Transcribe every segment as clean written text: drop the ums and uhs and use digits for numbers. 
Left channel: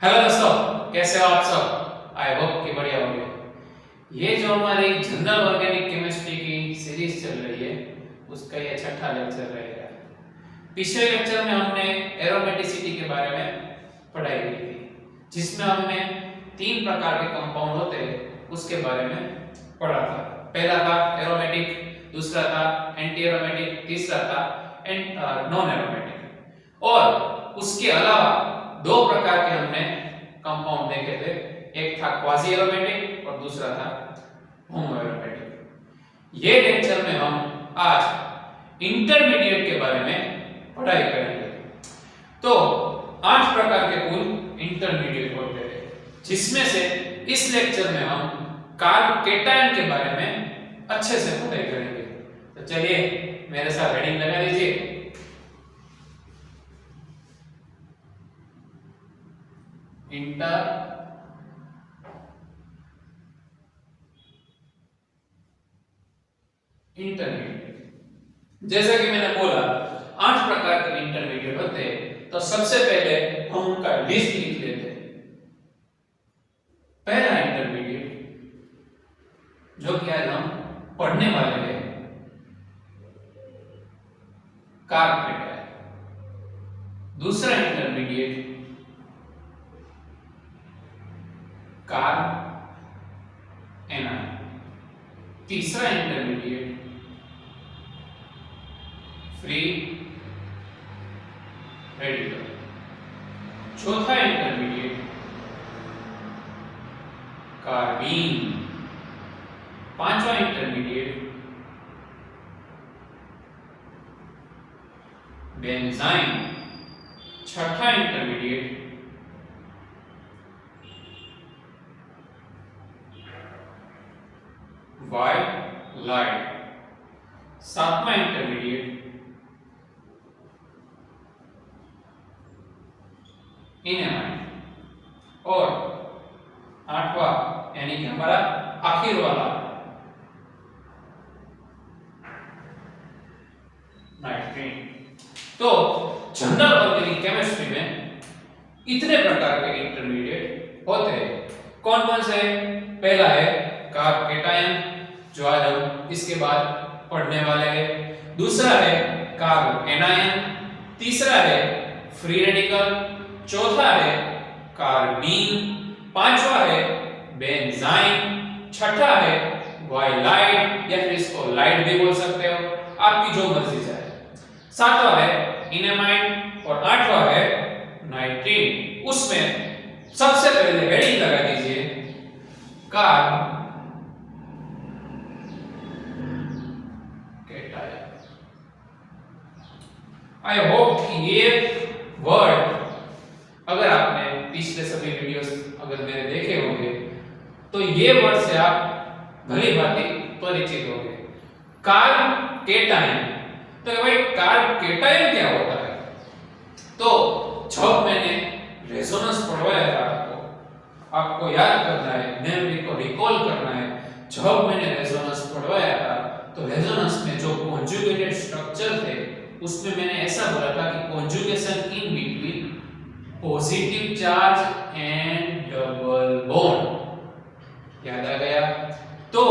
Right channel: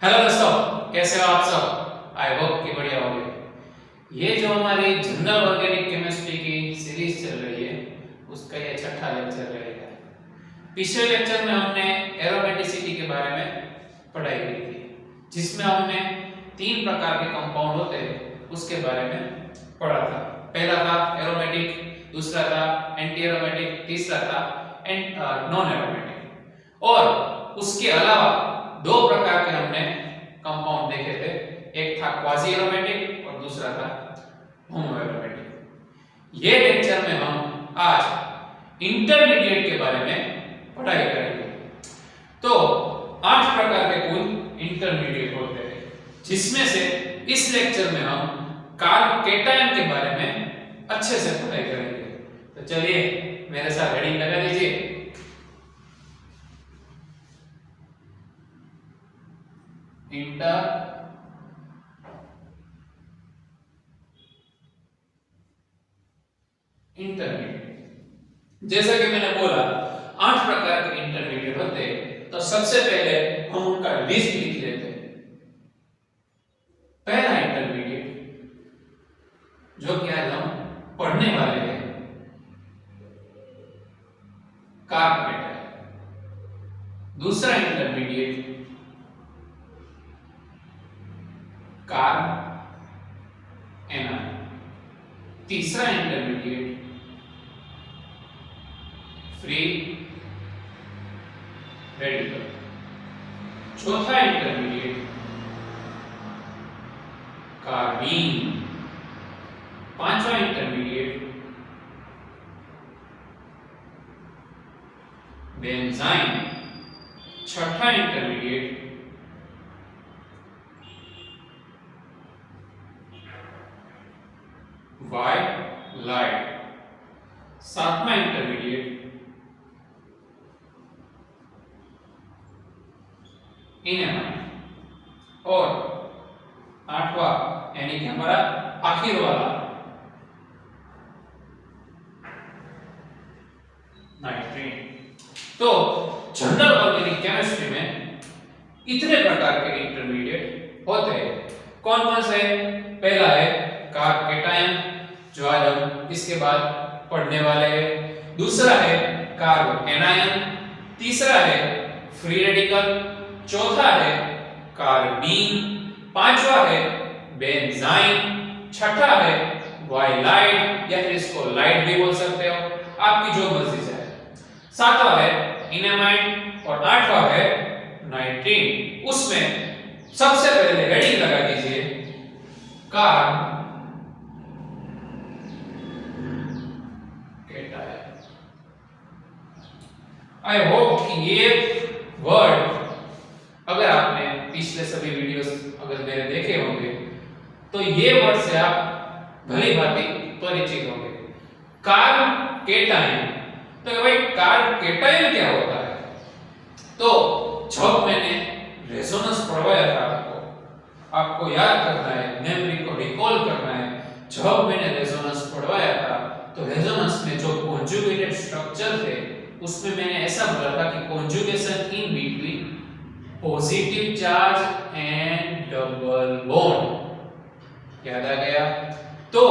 Hello दोस्तों, कैसे हो आप सब। आई होप कि बढ़िया होंगे। ये जो हमारी जनरल ऑर्गेनिक केमिस्ट्री की सीरीज चल रही है उसका ये छठा लेक्चर रहेगा। पिछले लेक्चर में हमने एरोमेटिसिटी के बारे में पढ़ाई की थी, जिसमें हमने तीन प्रकार के कंपाउंड होते हैं उसके बारे में पढ़ा था। पहला था एरोमेटिक, दूसरा था एंटी एरोमेटिक, तीसरा था नॉन एरोमेटिक। और उसके अलावा दो प्रकार के हमने कंपाउंड देखे थे, एक था क्वाजी एरोमेटिक और दूसरा था होमो एरोमेटिक। ये लेक्चर में हम आज इंटरमीडिएट के बारे में पढ़ाई करेंगे। तो 8 प्रकार के कुल इंटरमीडिएट होते हैं, जिसमें से इस लेक्चर में हम कार्ब केटायन के बारे में अच्छे से पढ़ाई करेंगे। तो चलिए मेरे साथ हेडिंग लगा दीजिए। इंटरमीडिएट, जैसा कि मैंने बोला 8 प्रकार के इंटरमीडिएट होते हैं। तो सबसे पहले हम उनका लिस्ट लिख लेते हैं। पहला इंटरमीडिएट जो कि आज हम पढ़ने वाले हैं, कार्ब केटायन। दूसरा इंटरमीडिएट कार्ब एनायन। तीसरा इंटरमीडिएट फ्री रेडिकल। चौथा इंटरमीडिएट कार्बीन। पांचवा इंटरमीडिएट बेंजाइन। छठा इंटरमीडिएट वाइलाइट। सातवां इंटरमीडिएट इनेमाइड। और आठवां यानी कि हमारा आखिर वाला नाइट्रीन। तो जनरल ऑर्गेनिक केमिस्ट्री में इतने प्रकार के इंटरमीडिएट होते हैं। कौन कौन से? पहला है कार्ब केटायन, जो आज हम इसके बाद पढ़ने वाले हैं। दूसरा है कार्ब एनायन। तीसरा है फ्री रेडिकल। चौथा है कार्बीन। पांचवा है बेंजाइन। छठा है वाइलाइट, या फिर इसको लाइट भी बोल सकते हो, आपकी जो मर्जी चाहे। सातवां है इनेमाइड और आठवां है नाइट्रीन। उसमें सबसे पहले हेडिंग लगा दीजिए कार्ब केटायन। आई होप कि ये वर्ड अगर आपने पिछले सभी वीडियोस अगर मेरे देखे होंगे तो ये वर्ड से आप भली भांति परिचित होंगे। कार्ब केटायन, तो भाई कार्ब केटायन क्या होता है? तो जब मैंने रेजोनेंस पढ़वाया था आपको याद करना है, मेमोरी को रिकॉल करना है। जब मैंने रेजोनेंस पढ़वाया था तो रेजोनेंस में जो कॉन्जुगेटेड स्ट्रक्चर थे उसमें मैंने ऐसा बोला था कि conjugation in between positive charge and double bond. याद आ गया? तो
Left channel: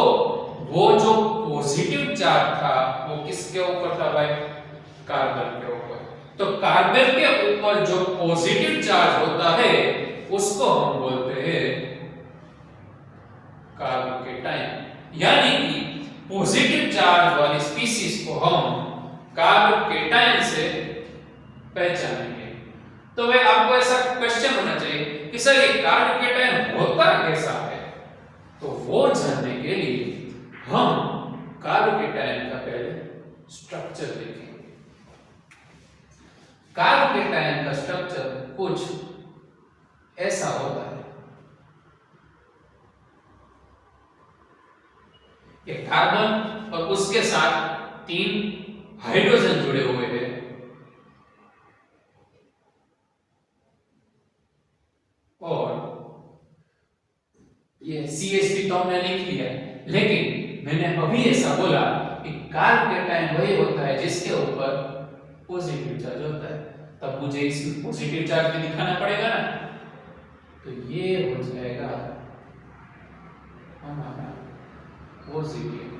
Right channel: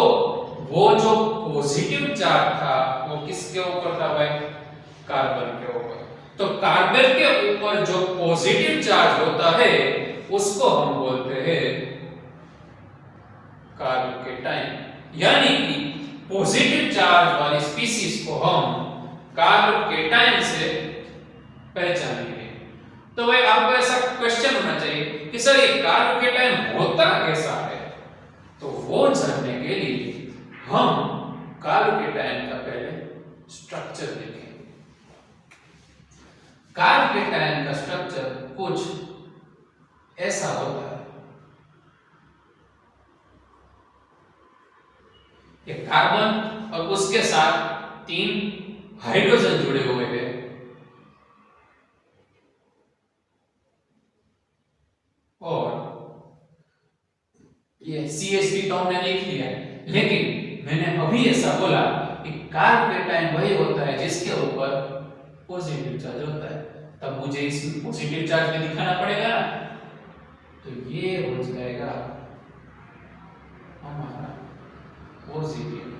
वो जो पॉजिटिव चार्ज था वो किसके ऊपर था भाई? कार्बन के ऊपर। तो कार्बन के ऊपर जो पॉजिटिव चार्ज होता है उसको हम बोलते हैं कार्ब केटायन। यानी कि पॉजिटिव चार्ज वाली स्पीशीज को हम कार्ब केटायन से पहचानेंगे। तो भाई आपको ऐसा क्वेश्चन होना चाहिए कि सर ये कार्ब केटायन होता कैसा है? तो वो जानने के लिए हम कार्ब केटायन का पहले स्ट्रक्चर देखेंगे। कार्ब केटायन का स्ट्रक्चर कुछ ऐसा होता है। ये कार्बन और उसके साथ 3 हाइड्रोजन जुड़े हुए हैं। और ये CH3 तो हमने लिख लिया है, लेकिन मैंने अभी ऐसा बोला कि कार्ब केटायन वही होता है जिसके ऊपर पॉजिटिव चार्ज होता है। तब मुझे इसमें पॉजिटिव चार्ज भी दिखाना पड़ेगा ना। तो ये हो जाएगा हमारा पॉजिटिव।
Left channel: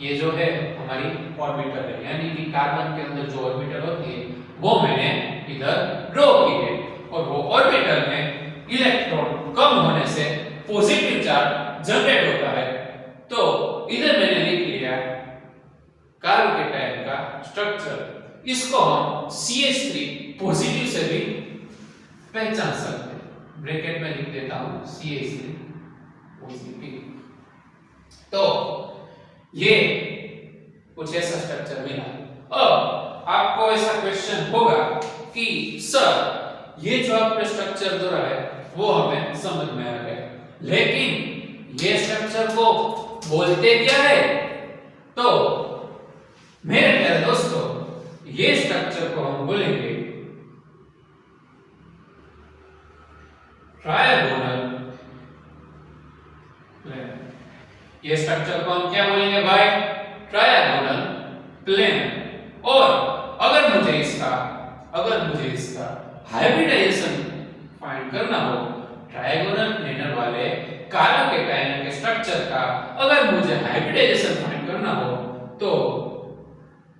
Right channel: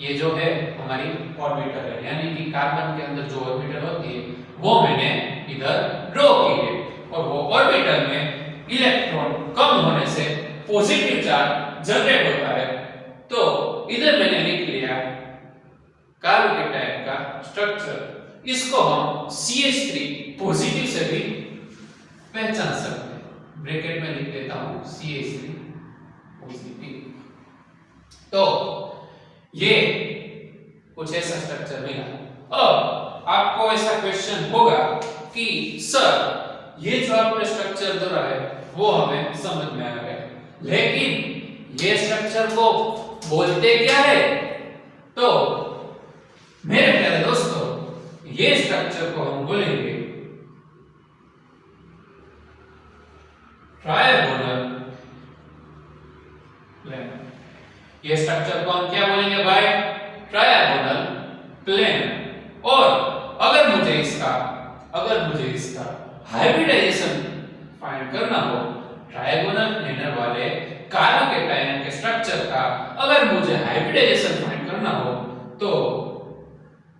ये जो है हमारी ऑर्बिटल है, यानी कि कार्बन के अंदर जो ऑर्बिटल होती है वो मैंने इधर ड्रॉ की है, और वो ऑर्बिटल में इलेक्ट्रॉन कम होने से पॉजिटिव चार्ज जनरेट होता है। तो इधर मैंने लिख लिया कार्बोकेटायन का स्ट्रक्चर। इसको हम CH3 पॉजिटिव से भी पहचान सकते हैं। ब्रैकेट में लिख देता हूं CH3 पॉजिटिव। तो ये कुछ ऐसा स्ट्रक्चर मिला। अब आपको ऐसा क्वेश्चन होगा कि सर ये जो आपने स्ट्रक्चर दौरा है वो हमें समझ में आ गया, लेकिन ये स्ट्रक्चर को बोलते क्या है? तो मेरे प्यारे दोस्तों, ये स्ट्रक्चर को हम बोलेंगे ट्रायगोनल प्लेन। ये स्ट्रक्चर को हम क्या बोलेंगे भाई? Trigonal plane. और अगर मुझे इसका हाइब्रिडाइजेशन फाइंड करना हो, ट्रायगोनल प्लेनर वाले कार्बोकेटायन के स्ट्रक्चर का अगर मुझे हाइब्रिडाइजेशन फाइंड करना हो, तो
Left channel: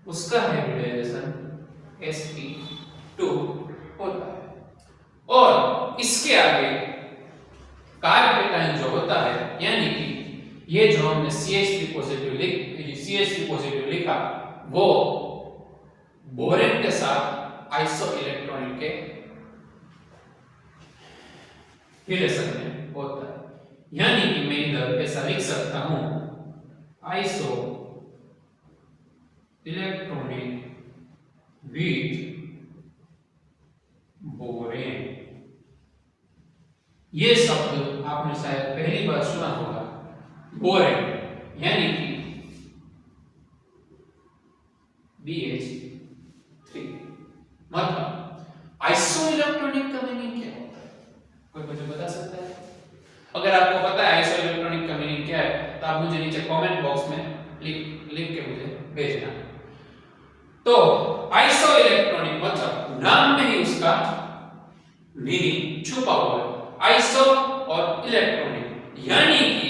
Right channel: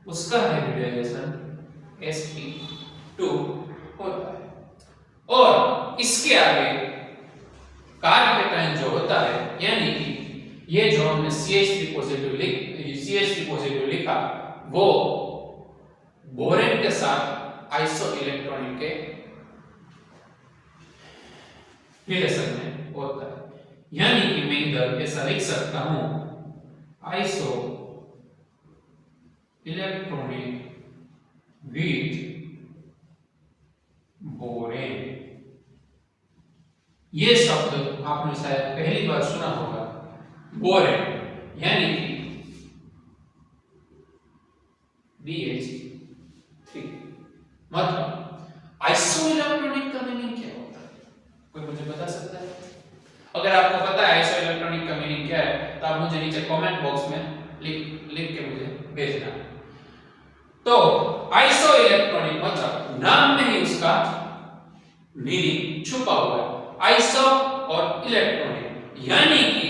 उसका हाइब्रिडाइजेशन sp2 होता है। और इसके आगे कार्बोकेटायन जो होता है, यानी कि ये जो हमने CH3 पॉजिटिव लिखा, वो बोरेन के साथ आइसो इलेक्ट्रॉनिक के रिलेशन में होता है। यानी कि मैं इधर ऐसा लिख सकता हूं आइसो इलेक्ट्रॉनिक विथ बोरेन। ये शब्द आपने शायद पहली बार सुना होगा, बोरेन, यानी कि BH3। मतलब आइसो इलेक्ट्रॉनिक का मीनिंग क्या होता है? कोई मुझे बता सकता है? अगर आपको पता है आइसो इलेक्ट्रॉनिक का मीनिंग क्या है, तो आप मुझे नीचे कमेंट बॉक्स में लिख के मुझे भेजना। तो आइसो इलेक्ट्रॉनिक मतलब नाम में ही उसका मीनिंग छुपा हुआ है। आइसो और इलेक्ट्रॉनिक, यानी कि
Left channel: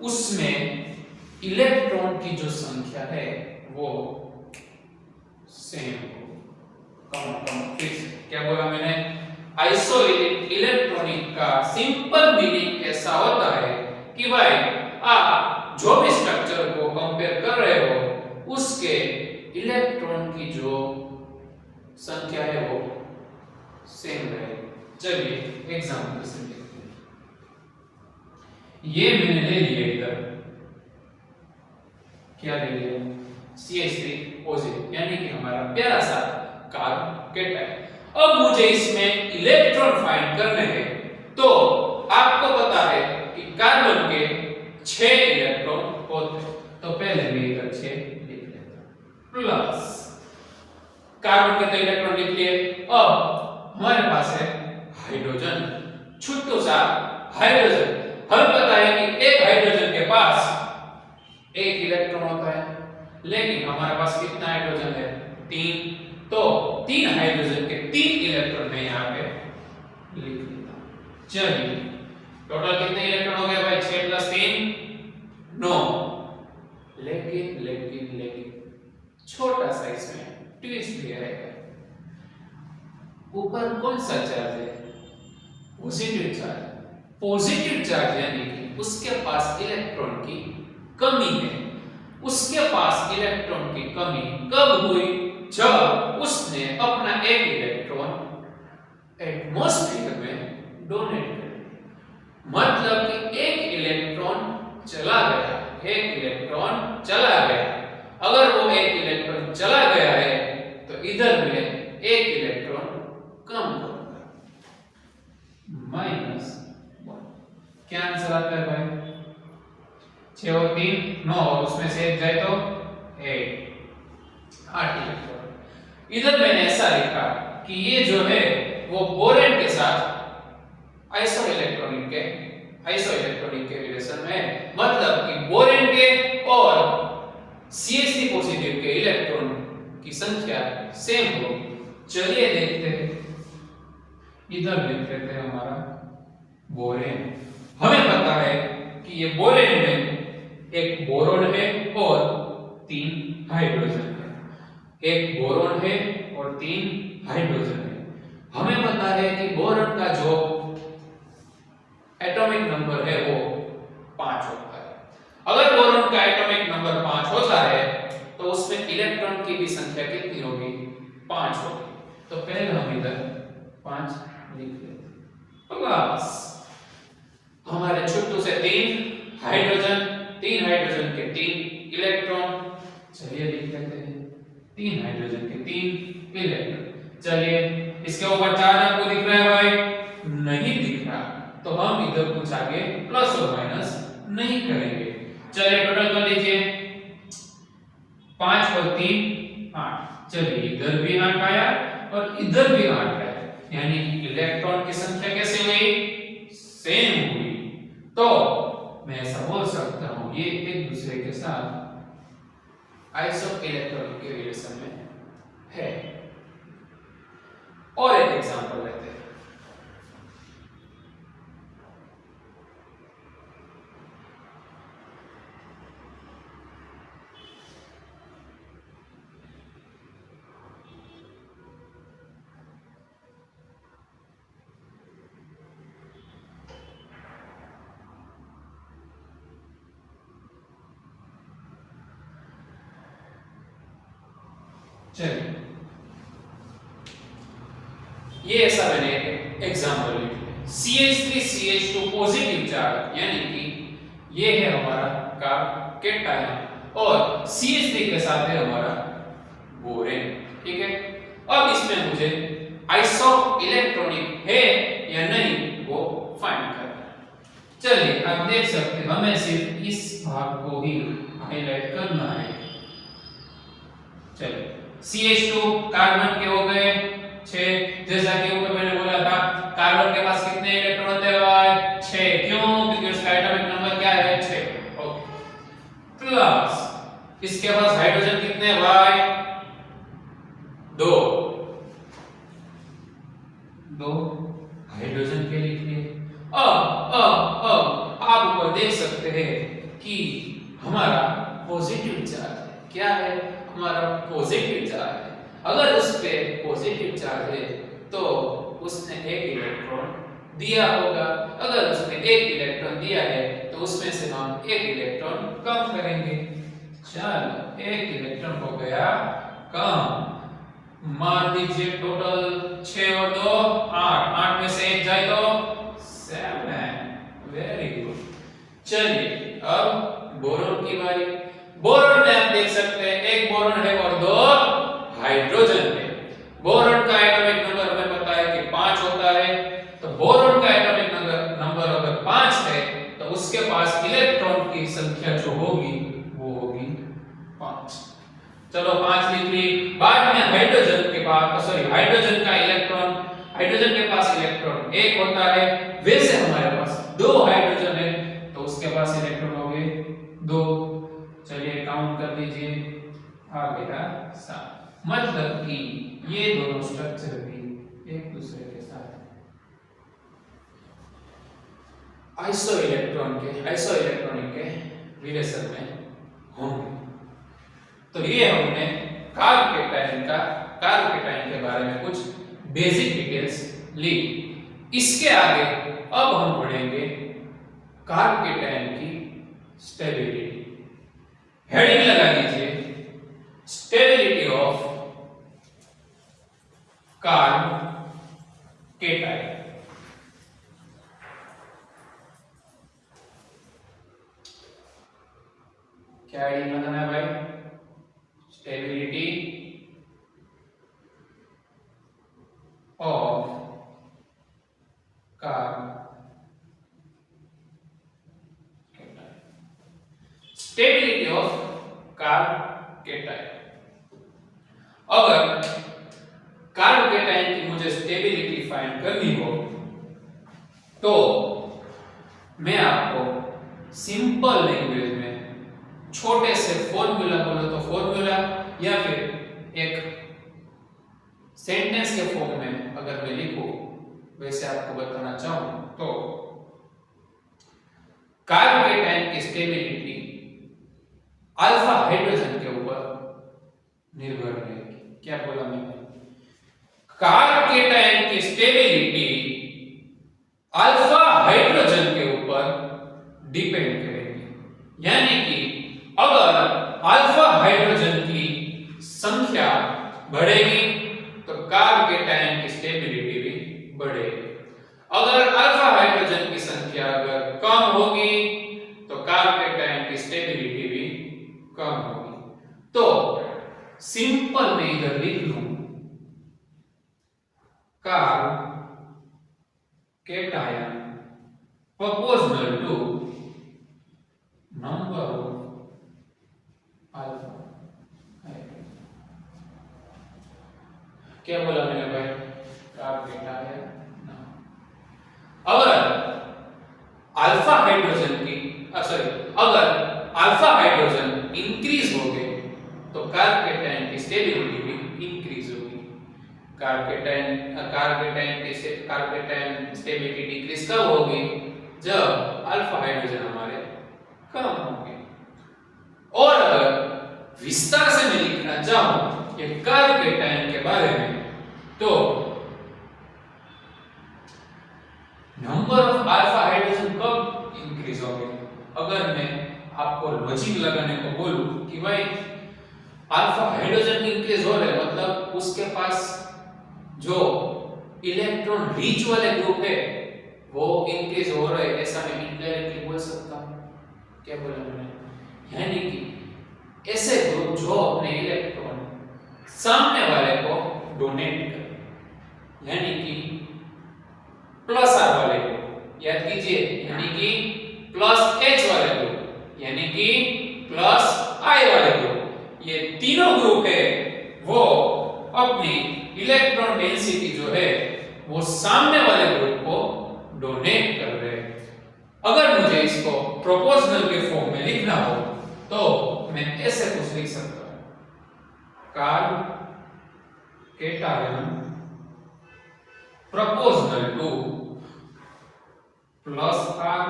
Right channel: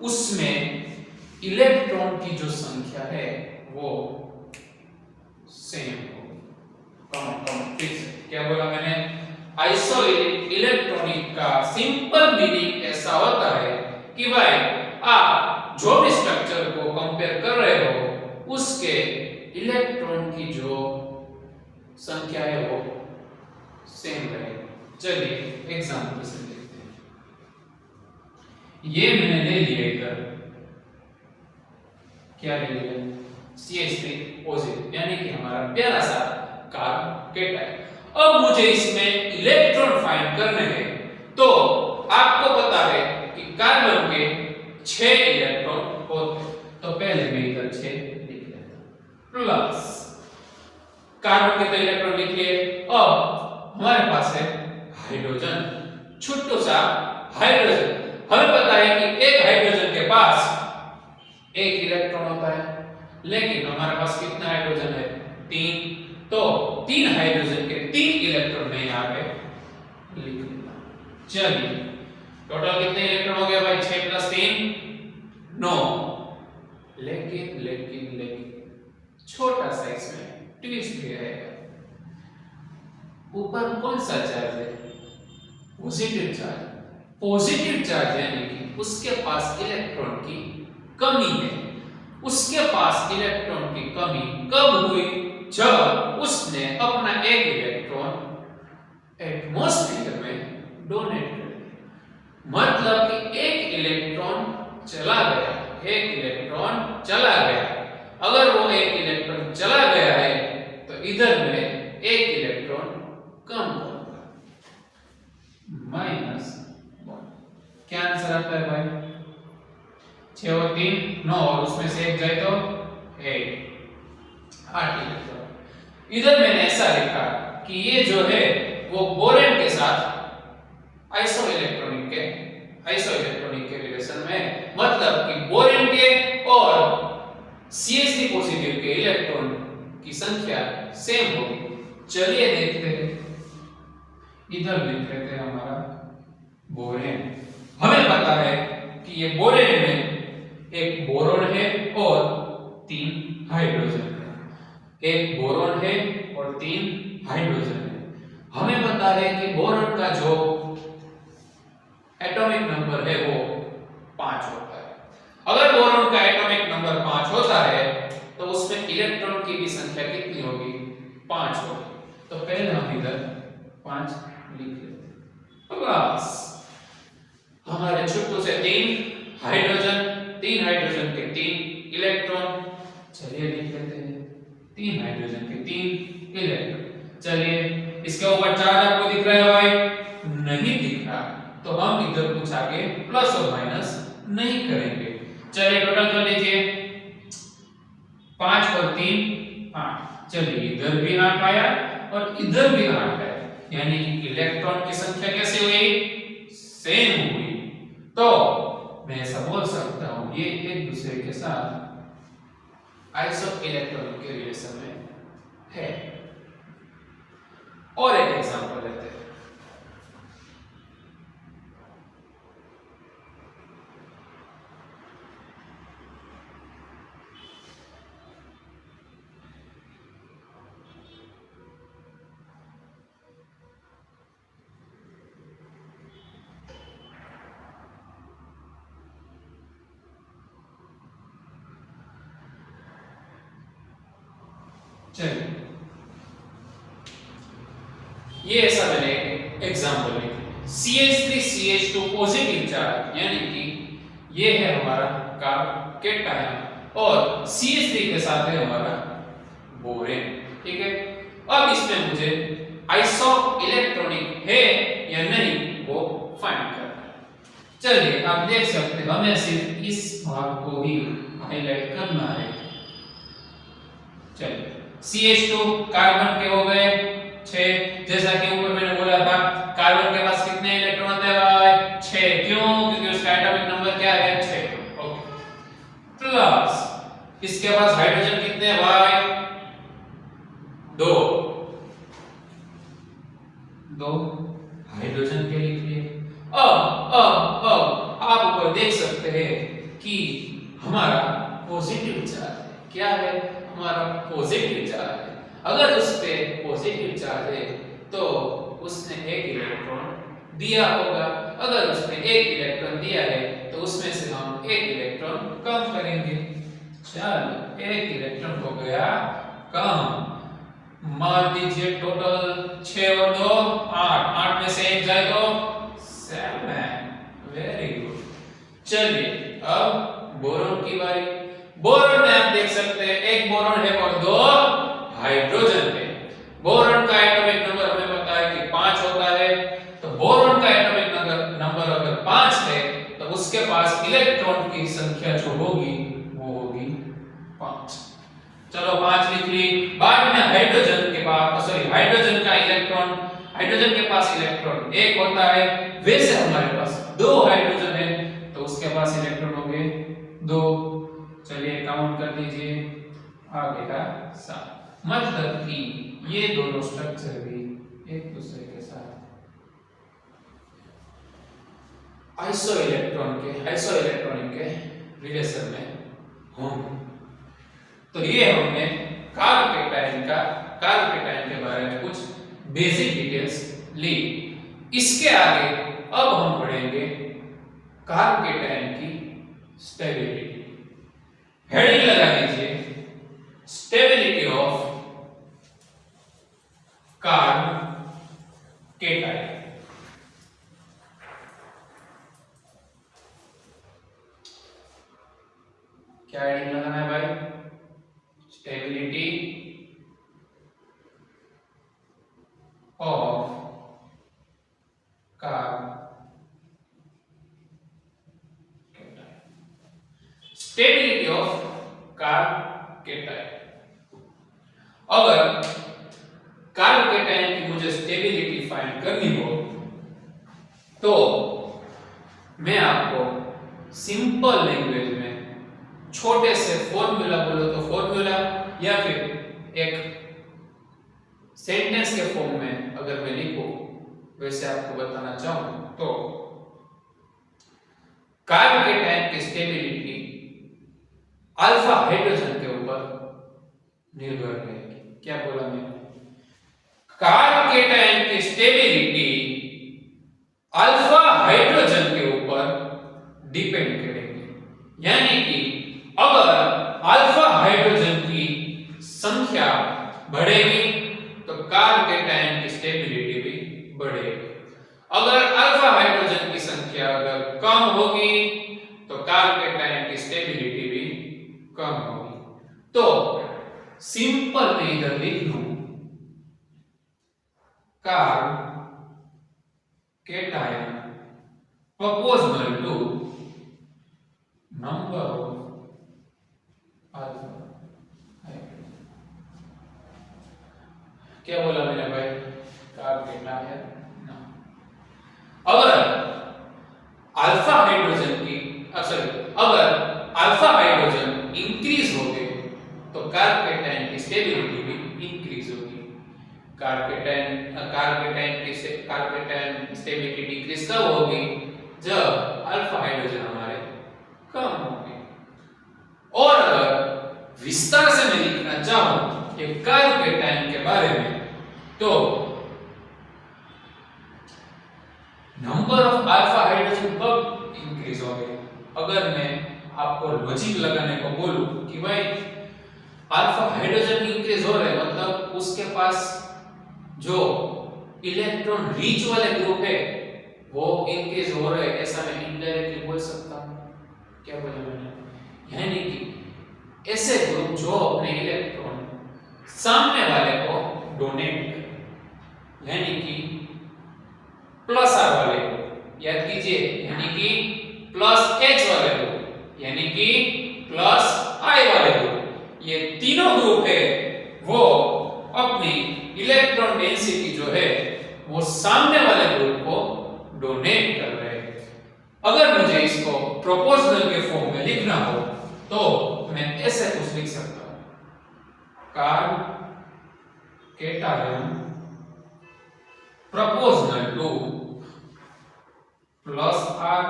उसमें इलेक्ट्रॉन की जो संख्या है वो सेम हो। कम फिक्स। क्या बोला मैंने? आइसो इलेक्ट्रॉनिक का सिंपल मीनिंग ऐसा होता है कि भाई आप जो भी स्ट्रक्चर को कंपेयर कर रहे हो उसके इलेक्ट्रॉन की जो संख्या है वो सेम रहेगी। चलिए एग्जांपल से देखते हैं। ये मैंने ले लिया इधर, क्या ले लिया? CH3 पॉजिटिव, यानी कि हमारा प्यारा सा कार्बोकेटायन। अब मुझे इसमें इलेक्ट्रॉन फाइंड करने हैं, तो आपको बता दें कि कार्बन के 6 इलेक्ट्रॉन होते हैं। तो पहले मैं इधर 6 लिख लेता हूं, प्लस कार्बन के तो इलेक्ट्रॉन लिख लिए। अब हमारे पास है हाइड्रोजन, छोटा सा हाइड्रोजन। हमें पता है कि एक हाइड्रोजन के पास एक इलेक्ट्रॉन होता है, लेकिन हमारे पास कितना हाइड्रोजन है? 3। तो 3 हाइड्रोजन के 3 इलेक्ट्रॉन मैं यहाँ पे लिख लेता हूं। चलिए टोटल कितने इलेक्ट्रॉन हो गए भाई? 6 + 3 9। लेकिन छोटा सा इसमें ट्विस्ट भी आएगा। ऊपर कौन सा चार्ज है? Positive charge. पॉजिटिव चार्ज यानी कि उसके पास इलेक्ट्रॉन की कमी है। उसके पास इलेक्ट्रॉन की कमी कब हुई? जब उसने अपना एक इलेक्ट्रॉन एटमॉस्फेयर में डोनेट कर दिया। मतलब कि एक इलेक्ट्रॉन चला गया। अगर वो एक इलेक्ट्रॉन चला गया है तो इधर में एक इलेक्ट्रॉन कम करूंगा, -1। क्या आंसर आता है भाई? 6 और 3 9, और उसमें से एक जाए तो 8 इलेक्ट्रॉन। इधर मैंने ऐसा लिखा कि ये जो है वो बोरेन के साथ आइसो इलेक्ट्रॉनिक के रिलेशन में, मतलब कि बोरेन के और CH3 पॉजिटिव के इलेक्ट्रॉन की संख्या सेम होगी। चलिए देखते हैं। इधर लिख लेते हैं हमारा बोरेन। हमें पता है कि ये बोरेन में एक बोरोन है और 3 हाइड्रोजन है। एक बोरोन है और 3 हाइड्रोजन है। हमें पता है कि बोरोन का जो एटॉमिक नंबर है वो 5 होता है। अगर बोरोन का एटॉमिक नंबर 5 होता है तो उसमें इलेक्ट्रॉन की भी संख्या कितनी होगी? 5 होगी। तो पहले हम इधर 5 लिख लेते हैं। प्लस हमारे छुट्टू से 3 हाइड्रोजन, 3 हाइड्रोजन के 3 इलेक्ट्रॉन। चलिए लिख लेते हैं 3 हाइड्रोजन के 3 इलेक्ट्रॉन। चलिए इसके ऊपर चार्ज आपको दिख रहा है भाई? नहीं दिख रहा, तो हम इधर कुछ आगे प्लस और माइनस नहीं करेंगे। चलिए टोटल कर लीजिए 5 और 3 8। चलिए इधर भी 8 आया और इधर भी 8 आया, यानी कि इलेक्ट्रॉन की संख्या कैसे हुई? सेम हुई। तो मैं ऐसा बोल सकता हूं ये एक दूसरे के साथ आइसो इलेक्ट्रॉनिक के रिलेशन में है। और एक एग्जांपल लेते हैं। चलिए ये ऐसा मैंने एक एग्जांपल लिखा है। CH3CH2 पॉजिटिव चार्ज, यानी कि ये है हमारा कार्बोकेटायन और CH3 के साथ है हमारा बोरेन। ठीक है, अब इसमें मुझे आइसो इलेक्ट्रॉनिक है या नहीं वो फाइंड करना है। चलिए आप देख सकते हैं, हमें सिर्फ इस भाग को ही हाईलाइट करना है। चलिए CH2 कार्बन के हो गए 6, जैसा कि ऊपर मैंने बोला था कार्बन के पास कितने इलेक्ट्रॉन होते हैं भाई? 6। क्यों? क्योंकि उसका एटॉमिक नंबर क्या है? 6। ओके। प्लस इसके पास हाइड्रोजन कितने हैं भाई? 2 हाइड्रोजन के लिए। अब आप ऊपर देख सकते हैं कि हमारा पॉजिटिव चार्ज है। क्या है? हमारा पॉजिटिव चार्ज है। अगर उस पे पॉजिटिव चार्ज है तो उसने एक इलेक्ट्रॉन दिया होगा। अगर उसने एक इलेक्ट्रॉन दिया है तो उसमें से हम एक इलेक्ट्रॉन कम करेंगे। चलो एक इलेक्ट्रॉन हो गया कम। मान दीजिए टोटल 6 और 2 8, 8 में से एक जाए तो 7। Very good. चलिए अब बोरोन की बारी। बोरोन में आप देख सकते हैं एक बोरोन है और 2 हाइड्रोजन है। बोरोन का एटॉमिक नंबर हमें पता है कि 5 होता है। तो बोरोन का एटॉमिक नंबर अगर 5 है तो उसके पास इलेक्ट्रॉन की संख्या जो होगी वो होगी 5। चलो 5 लिख ली। बाद में हाइड्रोजन के पास हाइड्रोजन का इलेक्ट्रॉन, हाइड्रोजन के पास इलेक्ट्रॉन 1 होता है। वैसे हमारे पास 2 हाइड्रोजन है तो उसके पास इलेक्ट्रॉन हो गए 2। चलिए काउंट कर दीजिए, आ गया 7। मतलब कि ये दोनों स्ट्रक्चर भी एक दूसरे के साथ आइसो इलेक्ट्रॉनिक के रिलेशन में होंगे। तो ये हमने कार्बोकेटायन के बारे में कुछ बेसिक डिटेल्स ली। इसके आगे अब हम पढ़ेंगे कार्बोकेटायन की स्टेबिलिटी। हेडिंग लगा दीजिए स्टेबिलिटी ऑफ कार्बोकेटायन। क्या हेडिंग लगाना है भाई? Stability of carbocation. Stability of carbocation. अगर कार्बोकेटायन की मुझे स्टेबिलिटी फाइंड करनी हो तो मैं आपको सिंपल लैंग्वेज में छोटे से फॉर्मूला बोलो तो फॉर्मूला, या फिर एक सेंटेंस के फॉर्म में अगर मैं लिखूं वैसे आपको बताना चाहूं तो कार्बोकेटाइन की स्टेबिलिटी अल्फा हाइड्रोजन के ऊपर निर्भर रहेगी। क्या बोला मैंने? कार्बोकेटाइन की स्टेबिलिटी अल्फा हाइड्रोजन के ऊपर डिपेंड करेगी। यानी कि अगर अल्फा हाइड्रोजन की संख्या बढ़ेगी तो कार्बोकेटाइन की स्टेबिलिटी भी बढ़ेगी। अगर अल्फा हाइड्रोजन की संख्या अगर कम होगी तो कार्बोकेटाइन की स्टेबिलिटी भी कम होगी। तो सिंपल में इधर लिख लूं carbocation proportional to number of alpha hydrogen। क्या बोला मैंने भाई? कार्बोकेटाइन ना अगर अल्फा हाइड्रोजन की अगर अल्फा हाइड्रोजन इंक्रीज हो गए तो कार्बोकेटाइन की स्टेबिलिटी भी इंक्रीज होगी। कार्बोकेटाइन की स्टेबिलिटी डिक्रीज कब होगी? जब अल्फा हाइड्रोजन हमारे कम होंगे। और अगर विस्तार से मैं लिखना चाहूं कि कार्बोकेटाइन के बारे में तो नंबर ऑफ अल्फा हाइड्रोजन कब इंक्रीज होंगे? अगर मैं आपको लॉजिक लगाने को बोलूं कि भाई अल्फा हाइड्रोजन इंक्रीज हो रहे मतलब उसके पास जो इलेक्ट्रॉन रिच वाले ग्रुप है वो इंक्रीज हो रहा है, ऐसा मैं इनडायरेक्टली बोल सकता हूं। क्या बोला मैंने? यानी कि ऐसे ग्रुप जो अपने इलेक्ट्रॉन सामने वाले को डोनेट करें, यानी कि प्लस आर वाले को याद कीजिए, यानी कि प्लस एच वाले ग्रुप, यानी कि प्लस आई वाले ग्रुप, ये तीनों ग्रुप है वो अपनी इलेक्ट्रॉन डेंसिटी जो है वो सामने वाले ग्रुप को डोनेट कर रहे हैं। अगर मुझे इसको प्रोपोर्शनल के फॉर्म में लिखना हो तो मैं ऐसे कुछ लिख सकता हूं, carbocation proportional to plus R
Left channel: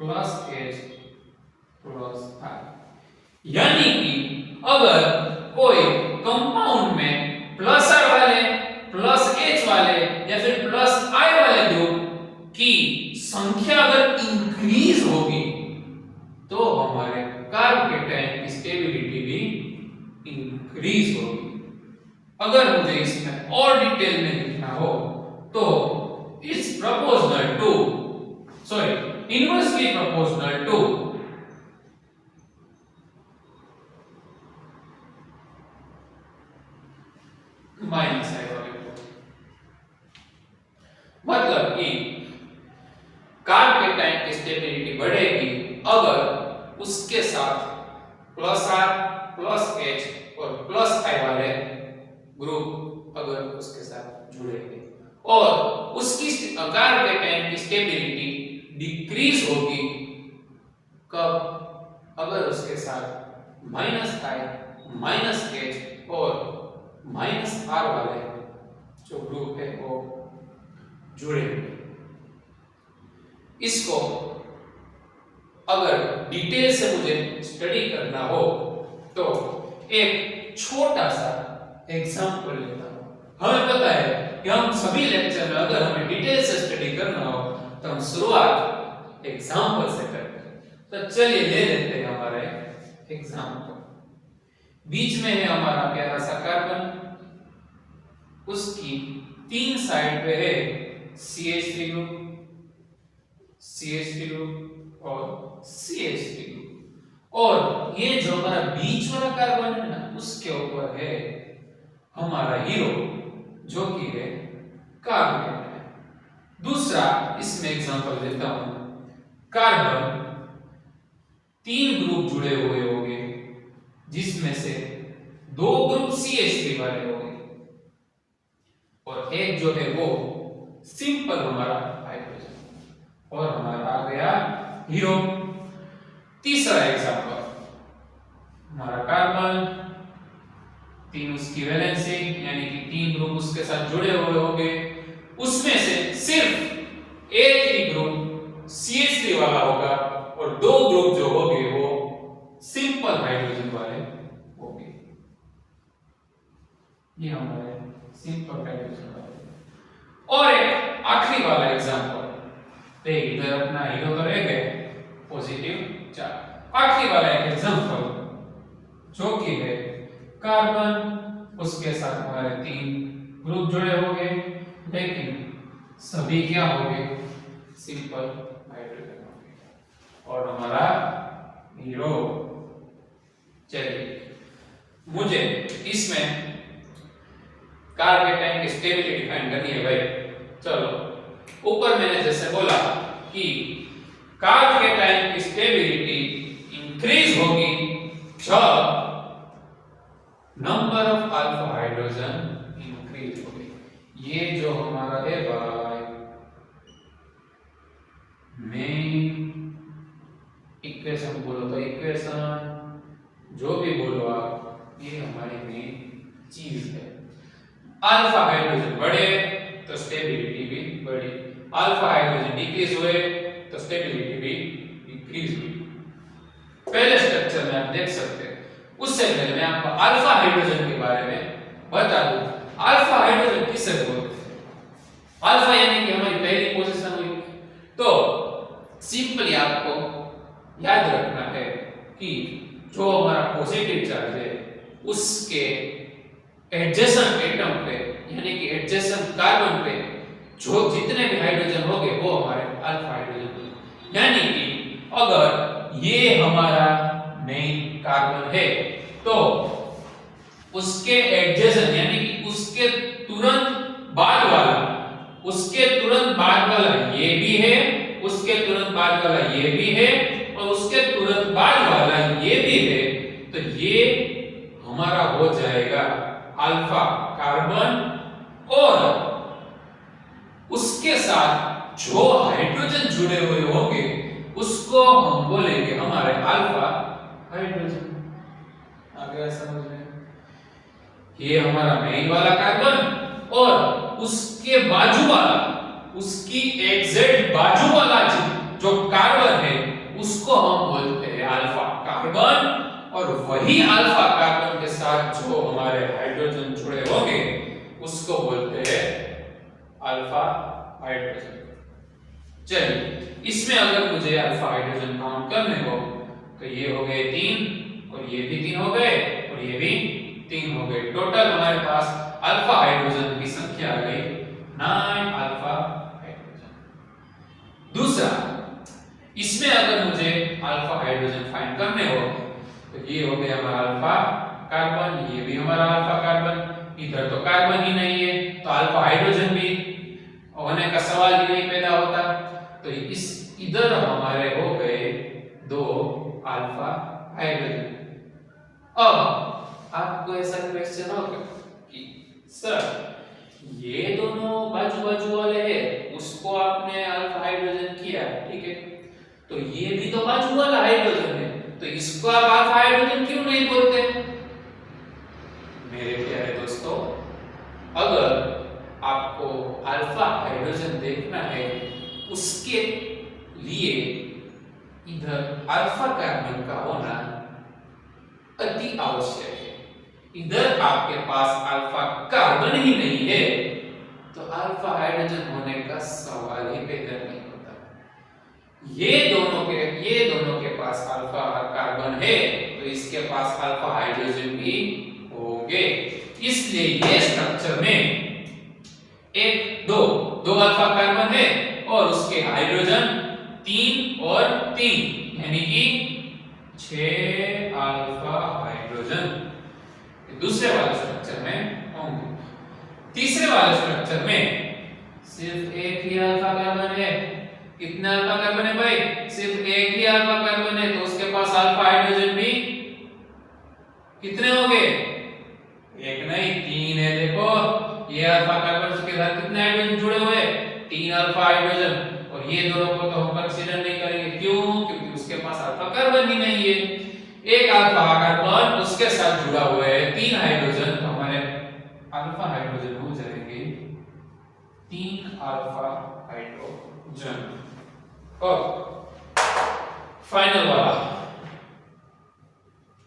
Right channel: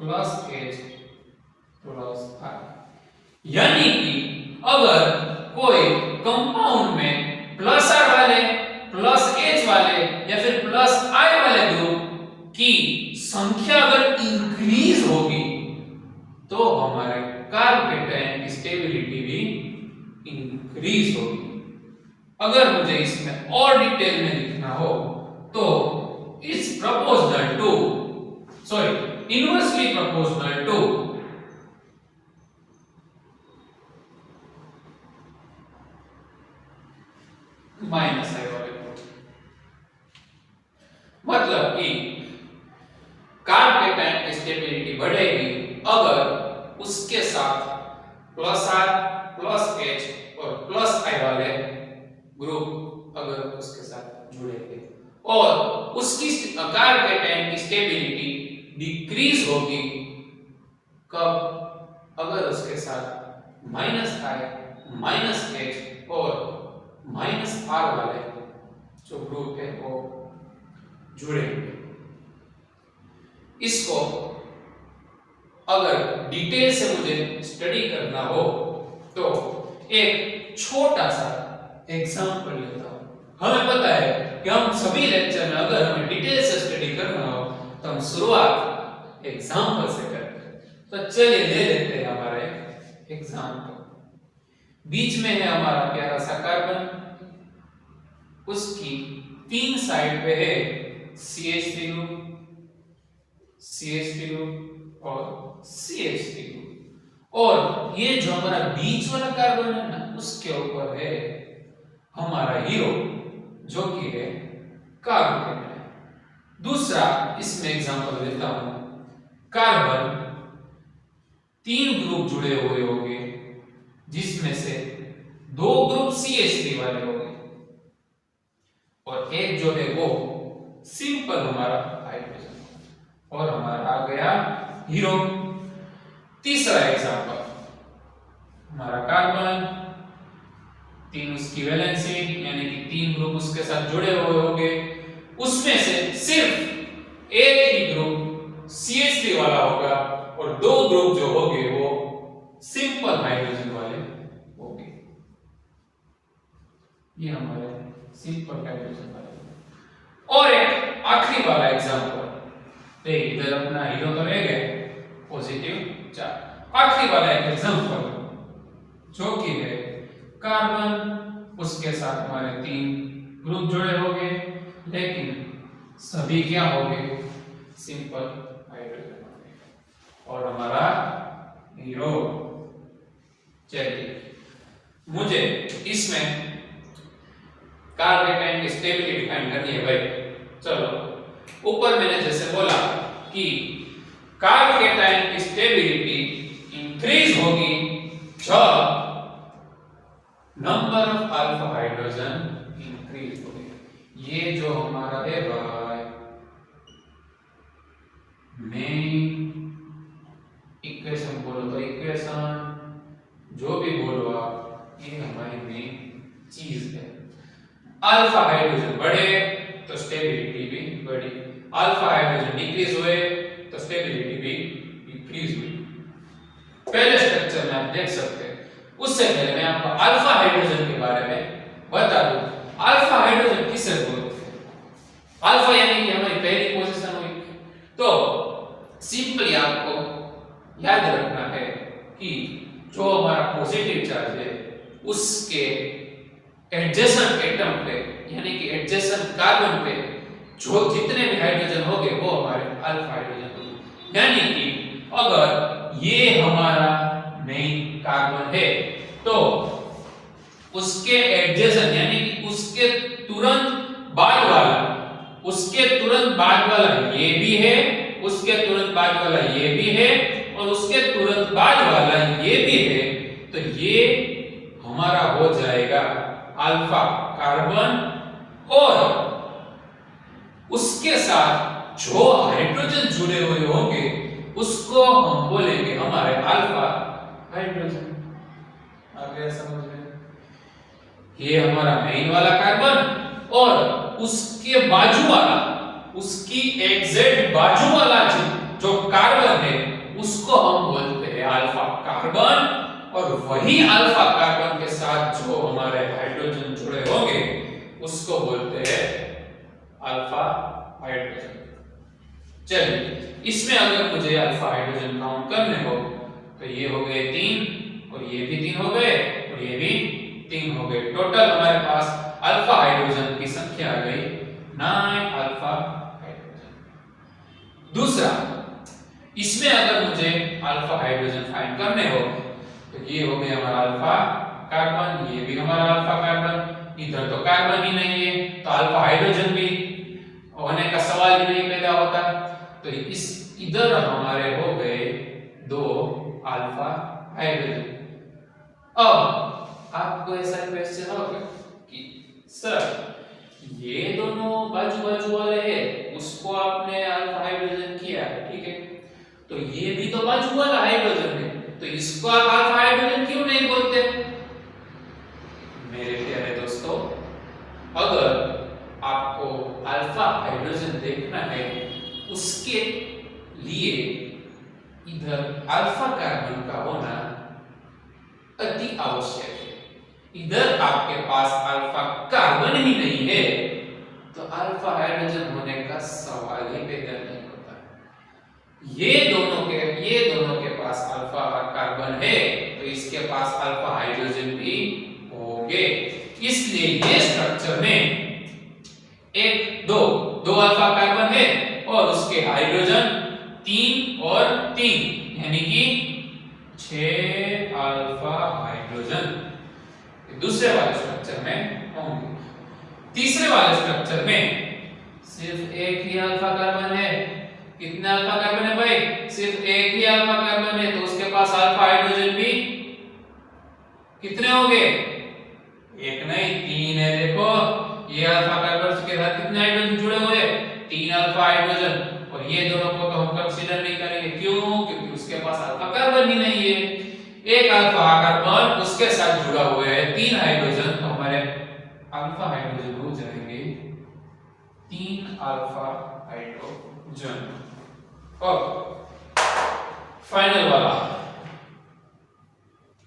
plus H plus I. यानी कि अगर कोई कंपाउंड में प्लस आर वाले प्लस एच वाले या फिर प्लस आई वाले ग्रुप की संख्या अगर इंक्रीज होगी तो हमारे कार्बोकेटाइन की स्टेबिलिटी भी इंक्रीज होगी। अगर मुझे इसमें और डिटेल में लिखना हो तो it's proportional to inversely proportional to minus I वाले ग्रुप। मतलब कि कार्बोकेटाइन की स्टेबिलिटी बढ़ेगी अगर उसके साथ प्लस आर प्लस एच और प्लस आई वाले ग्रुप अगर उसके साथ जुड़ेंगे, और उसकी कार्बोकेटाइन की स्टेबिलिटी डिक्रीज होगी कब? अगर उसके साथ माइनस आई माइनस एच और माइनस आर वाले जो ग्रुप है वो जुड़ेंगे। इसको अगर डिटेल से मुझे स्टडी करना हो तो एक छोटा सा एग्जांपल लेता हूं। हमें पता है कि हम सभी लेक्चर में अगर हमें डिटेल से स्टडी करना हो तो हम शुरुआत एग्जांपल से करते हैं। तो चलिए ले लेते हैं हमारे एग्जांपल। बीच में है हमारा प्यारा सा कार्बन, उसकी तीन साइड पे है CH3 ग्रुप, CH3 ग्रुप और CH3 ग्रुप, और ये जो हमारा बीच वाला कार्बन है ना उसके ऊपर है हमारा हीरो जो कि है कार्बोकेटाइन। दूसरा इसमें एग्जांपल लेता हूं, कार्बन तीन ग्रुप जुड़े हुए होंगे जिसमें से दो ग्रुप CH3 वाले होंगे और एक जो है वो सिंपल हमारा हाइड्रोजन, और हमारा आ गया हीरो। तीसरा एग्जांपल हमारा कार्बन, तीन उसकी वैलेंसी यानी कि तीन ग्रुप उसके साथ जुड़े हुए होंगे, उसमें से सिर्फ एक ही ग्रुप CH3 वाला होगा और दो ग्रुप जो होंगे वो सिंपल हाइड्रोजन वाले होंगे। ये हमारे सिंपल हाइड्रोजन वाले। और एक आखिरी वाला एग्जांपल, देख इधर अपना हीरो तो रह गए पॉजिटिव चार्ज। आखिरी वाला एक एग्जांपल जो कि है कार्बन, उसके साथ हमारे 3 ग्रुप जुड़े होंगे, लेकिन सभी क्या होंगे, सिंपल हाइड्रोजन होंगे और हमारा हीरो। चलिए मुझे इसमें कार्बेटाइन की स्टेबिलिटी डिफाइन करनी है भाई। चलो ऊपर मैंने जैसे बोला कि कार्बेटाइन की स्टेबिलिटी इंक्रीज होगी जब number of alpha hydrogen increase होगी। ये जो हमारा है भाई मेन इक्वेशन बोलो तो इक्वेशन जो भी बोलो आप, ये हमारी मेन चीज है। अल्फा हाइड्रोजन बढ़े तो स्टेबिलिटी भी बढ़ी, अल्फा हाइड्रोजन डिक्रीज हुए तो स्टेबिलिटी भी डिक्रीज हुई। पहले स्ट्रक्चर में आप देख सकते हैं। उससे पहले मैं आपको अल्फा हाइड्रोजन के बारे में बता दूं। अल्फा हाइड्रोजन किसे बोलते हैं? अल्फा यानी कि हमारी पहली पोजीशन हुई। तो सिंपली आपको याद रखना है कि जो हमारा पॉजिटिव चार्ज है उसके एडजेसेंट एटम पे यानी कि एडजेसेंट कार्बन पे जो जितने भी हाइड्रोजन होंगे वो हमारे अल्फा हाइड्रोजन होंगे। यानी कि अगर ये हमारा मेन कार्बन है तो उसके एडजेसेंट यानी कि उसके तुरंत बाद वाला ये भी है, उसके तुरंत बाद वाला ये भी है और उसके तुरंत बाद वाला ये भी है, तो ये हमारा हो जाएगा अल्फा कार्बन। और उसके साथ जो हाइड्रोजन जुड़े हुए होंगे उसको हम बोलेंगे हमारे अल्फा हाइड्रोजन। आ गया समझ में? ये हमारा मेन वाला कार्बन और उसके बाजू वाला, उसकी एग्जैक्ट बाजू वाला जो कार्बन है उसको हम बोलते हैं अल्फा कार्बन। और वही अल्फा कार्बन के साथ जो हमारे हाइड्रोजन जुड़े होंगे उसको बोलते हैं अल्फा हाइड्रोजन। चलिए इसमें अगर मुझे अल्फा हाइड्रोजन काउंट करने हो तो ये हो गए 3 और ये भी 3 हो गए और ये भी 3 हो गए। टोटल हमारे पास अल्फा हाइड्रोजन की संख्या आ गई 9 अल्फा हाइड्रोजन। दूसरा, इसमें अगर मुझे अल्फा हाइड्रोजन फाइंड करने हो तो ये हो गया हमारा अल्फा कार्बन, ये भी हमारा अल्फा कार्बन, इधर तो कार्बन ही नहीं है तो अल्फा हाइड्रोजन भी होने का सवाल ही नहीं पैदा होता। तो इस इधर हमारे हो गए 2 अल्फा हाइड्रोजन। अब आपको ऐसा क्वेश्चन होगा कि सर ये दोनों बाजू बाजू वाले हैं, उसको आपने अल्फा हाइड्रोजन किया, ठीक है, तो ये भी तो बाजू वाला हाइड्रोजन है, तो इसको आप अल्फा हाइड्रोजन क्यों नहीं बोलते? मेरे प्यारे दोस्तों, अगर आपको अल्फा हाइड्रोजन देखना है उसके लिए इधर अल्फा कार्बन का होना अति आवश्यक है। इधर आपके पास अल्फा कार्बन ही नहीं है तो अल्फा हाइड्रोजन होने का सवाल ही पैदा नहीं होता। ये दोनों के पास अल्फा कार्बन है तो इसके पास अल्फा हाइड्रोजन भी होंगे। इसलिए ये स्ट्रक्चर में दो अल्फा कार्बन है और उसके हाइड्रोजन 3 और 3 यानी कि 6 अल्फा हाइड्रोजन दूसरे वाले स्ट्रक्चर में होंगे। तीसरे वाले स्ट्रक्चर में सिर्फ एक ही अल्फा कार्बन है। कितने अल्फा कार्बन है भाई? सिर्फ एक ही अल्फा कार्बन है तो उसके पास अल्फा हाइड्रोजन भी कितने होंगे? एक नहीं 3 है। देखो ये अल्फा कार्बन के साथ कितने हाइड्रोजन जुड़े हुए हैं? 3 अल्फा हाइड्रोजन। और ये दोनों को तो हम कंसीडर नहीं करेंगे। क्यों? क्योंकि उसके पास अल्फा कार्बन ही नहीं है। एक अल्फा कार्बन उसके साथ जुड़ा हुआ है 3 हाइड्रोजन, तो हमारे अल्फा हाइड्रोजन हो जाएंगे 3 अल्फा हाइड्रोजन। और फाइनल वाला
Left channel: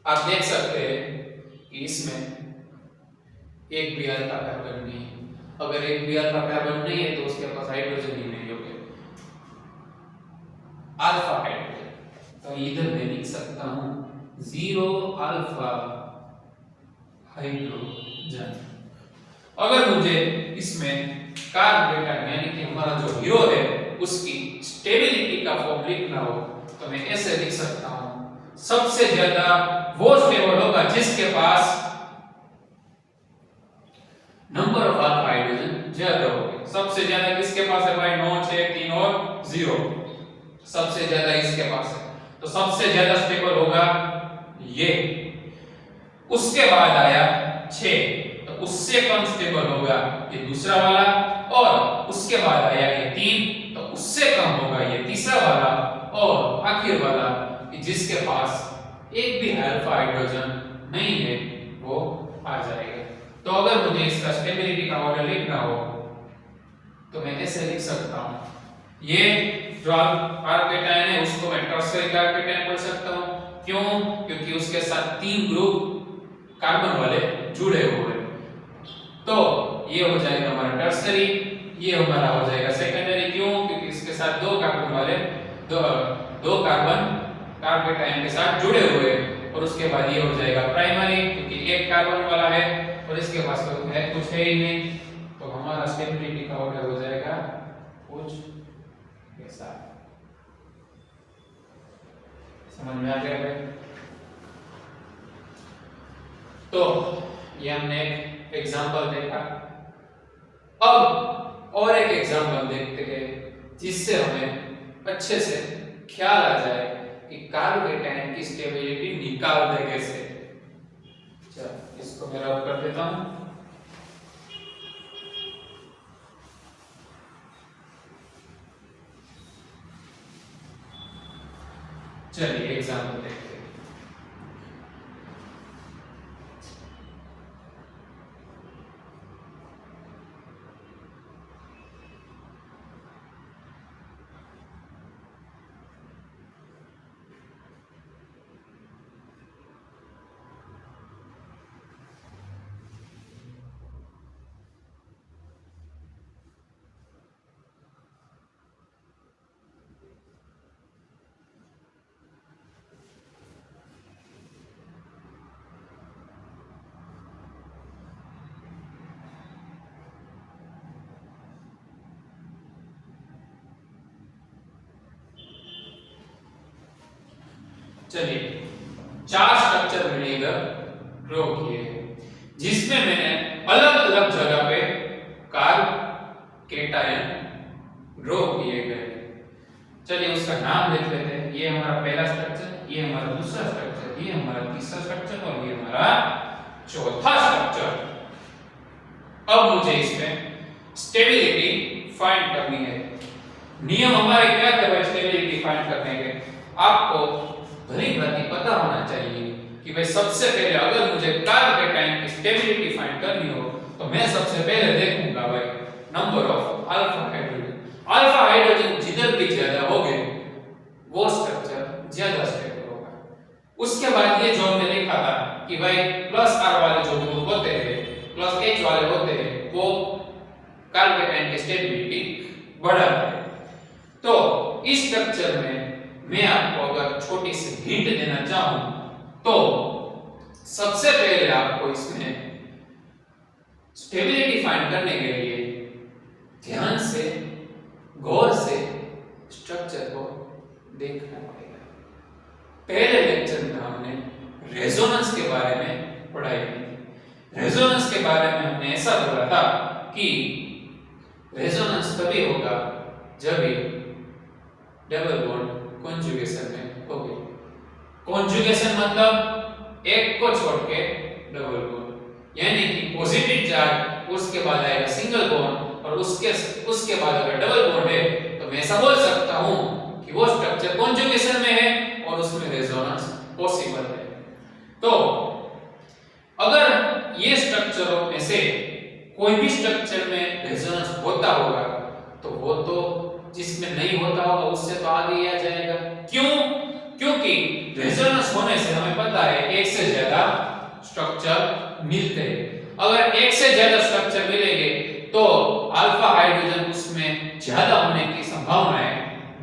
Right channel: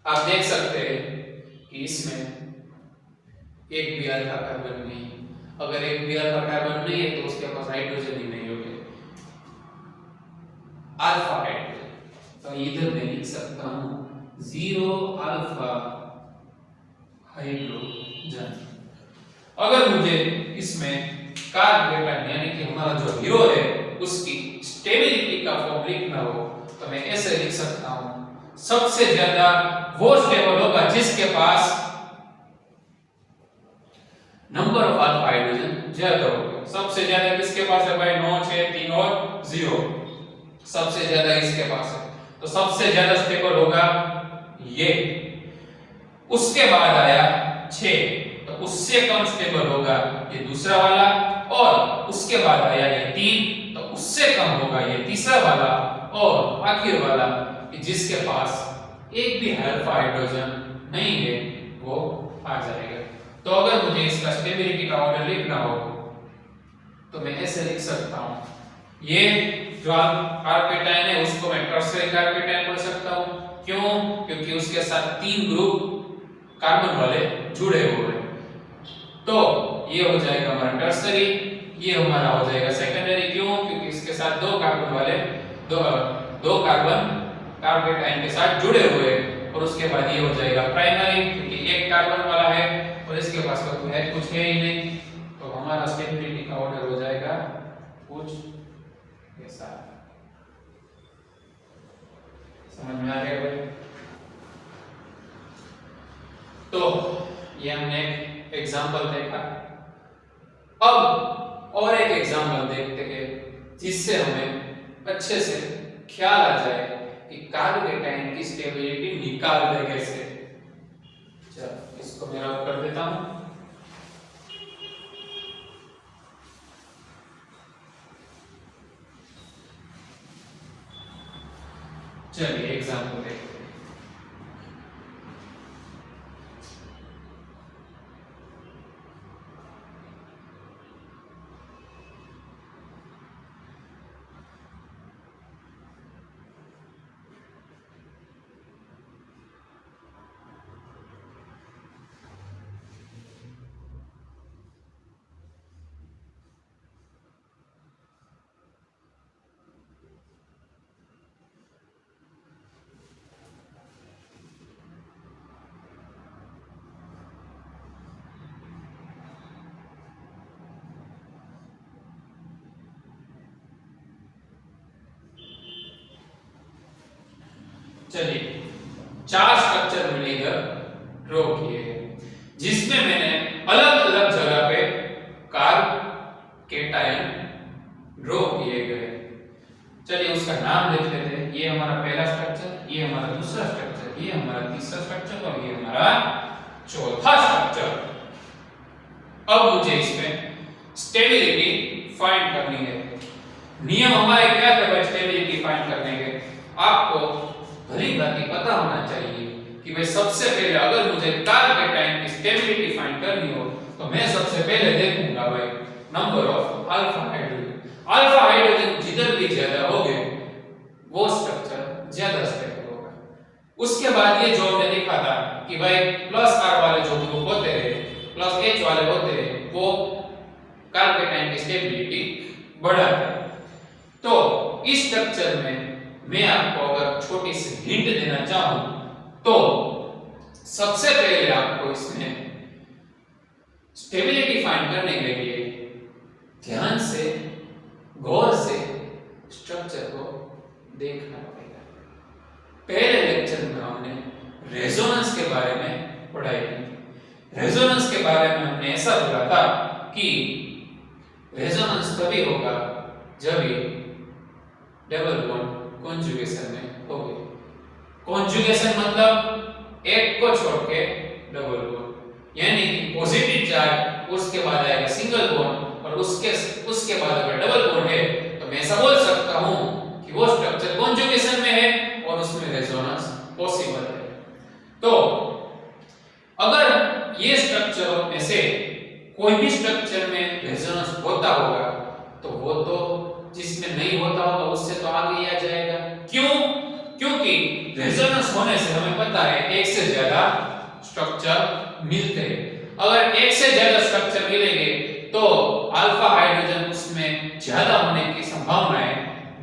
आप देख सकते हैं कि इसमें एक भी अल्फा कार्बन नहीं है। अगर एक भी अल्फा कार्बन नहीं है तो उसके पास हाइड्रोजन ही नहीं होगा, अल्फा हाइड्रोजन। तो इधर मैं लिख सकता हूं 0 अल्फा हाइड्रोजन। अगर मुझे इसमें कार्बोकेटायन यानी कि हमारा जो हीरो है उसकी स्टेबिलिटी का फॉर्म लिखना हो तो मैं ऐसे लिख सकता हूं, सबसे ज्यादा वो स्टेबल होगा जिसके पास नंबर ऑफ अल्फा हाइड्रोजन ज्यादा होगा। सबसे ज्यादा किसके पास है भाई? 9, 6, 3 और 0। सबसे ज्यादा इसके पास है, तो सबसे ज्यादा स्टेबल होगा ये। उसके बाद आया 6, तो उससे कम स्टेबल होगा ये दूसरा वाला। और उसके बाद आया ये 3, तो उससे कम होगा ये तीसरा वाला। और आखिर वाला कि जिसके पास एक भी अल्फा हाइड्रोजन नहीं है वो आ जाएगा। तो अगर मुझे इसका स्टेबिलिटी का ऑर्डर लिखना हो तो मैं ऐसे लिख सकता हूं, ये जो कार्बोकेटायन है उसको मैं टर्शियरी कार्बोकेटायन बोल सकता हूं। क्यों? क्योंकि उसके साथ 3 ग्रुप कार्बन वाले जुड़े हुए हैं। तो ये हो जाएगा हमारा टर्शियरी, ये हमारा हो जाएगा सेकेंडरी। क्यों? क्योंकि इसके साथ 2 कार्बन वाले दो कार्बन कार्बोकेटायन के साथ जुड़े हुए हैं। और उसके बाद ये हो जाएगा प्राइमरी, क्योंकि एक कार्बन वाला है और इसके पास तो है कुछ है ही नहीं। तो हमारा स्टेबिलिटी का ऑर्डर हो जाएगा कुछ ऐसा। समझ में आ गया भाई? तो ये हमने एक एग्जांपल देखा। अब और एक एग्जांपल देखते हैं जिससे हमें अच्छे से ख्याल आ जाए कि कार्बोकेटायन की स्टेबिलिटी निकालते कैसे। चलो इसको मैं रब कर देता हूं। चलिए एग्जांपल देखते हैं। चलिए 4 स्ट्रक्चर मैंने इधर ड्रॉ किए हैं जिसमें मैंने अलग अलग जगह पे कार्बोकेटायन ड्रॉ किए गए। चलिए उसका नाम लिख लेते हैं। ये हमारा पहला स्ट्रक्चर, ये हमारा दूसरा स्ट्रक्चर, ये हमारा तीसरा स्ट्रक्चर और ये हमारा चौथा स्ट्रक्चर। अब मुझे इसमें स्टेबिलिटी फाइंड करनी है। नियम हमारे क्या थे भाई स्टेबिलिटी फाइंड करने के? आपको भली भांति पता होना चाहिए कि भाई सबसे पहले अगर मुझे कार्बोकेटायन की स्टेबिलिटी फाइंड करनी हो तो मैं सबसे पहले देखूंगा भाई number of alpha hydrogen. Alpha hydrogen जिधर भी ज्यादा होंगे वो स्ट्रक्चर ज्यादा स्टेबल होगा। उसके बाद ये जो हमने लिखा था कि भाई प्लस R वाले जो ग्रुप होते हैं, प्लस H वाले होते हैं, वो कार्बोकेटायन की स्टेबिलिटी बढ़ाते हैं। तो इस स्ट्रक्चर में मैं आपको अगर छोटी सी हिंट देना चाहूं तो सबसे पहले आपको इसमें स्टेबिलिटी फाइंड करने के लिए ध्यान से गौर से स्ट्रक्चर को देखना पड़ेगा। पहले लेक्चर में हमने रेजोनेंस के बारे में पढ़ाई की थी। रेजोनेंस के बारे में हमने ऐसा बोला था कि रेजोनेंस तभी होगा जब डबल बॉन्ड कॉन्जुगेशन में होगी। कॉन्जुगेशन मतलब एक को छोड़ के डबल बॉन्ड, यानी कि पॉजिटिव चार्ज उसके बाद आएगा सिंगल बॉन्ड और उसके बाद अगर डबल बॉन्ड है तो मैं ऐसा बोल सकता हूं कि वो स्ट्रक्चर कॉन्जुगेशन में है और उसमें रेजोनेंस पॉसिबल है। तो अगर ये स्ट्रक्चरों में से कोई भी स्ट्रक्चर में रेजोनेंस होता होगा रेजोनेंस होने से हमें पता है एक से ज्यादा स्ट्रक्चर मिलते हैं। अगर एक से ज्यादा स्ट्रक्चर मिलेंगे तो अल्फा हाइड्रोजन उसमें ज्यादा होने की संभावनाएं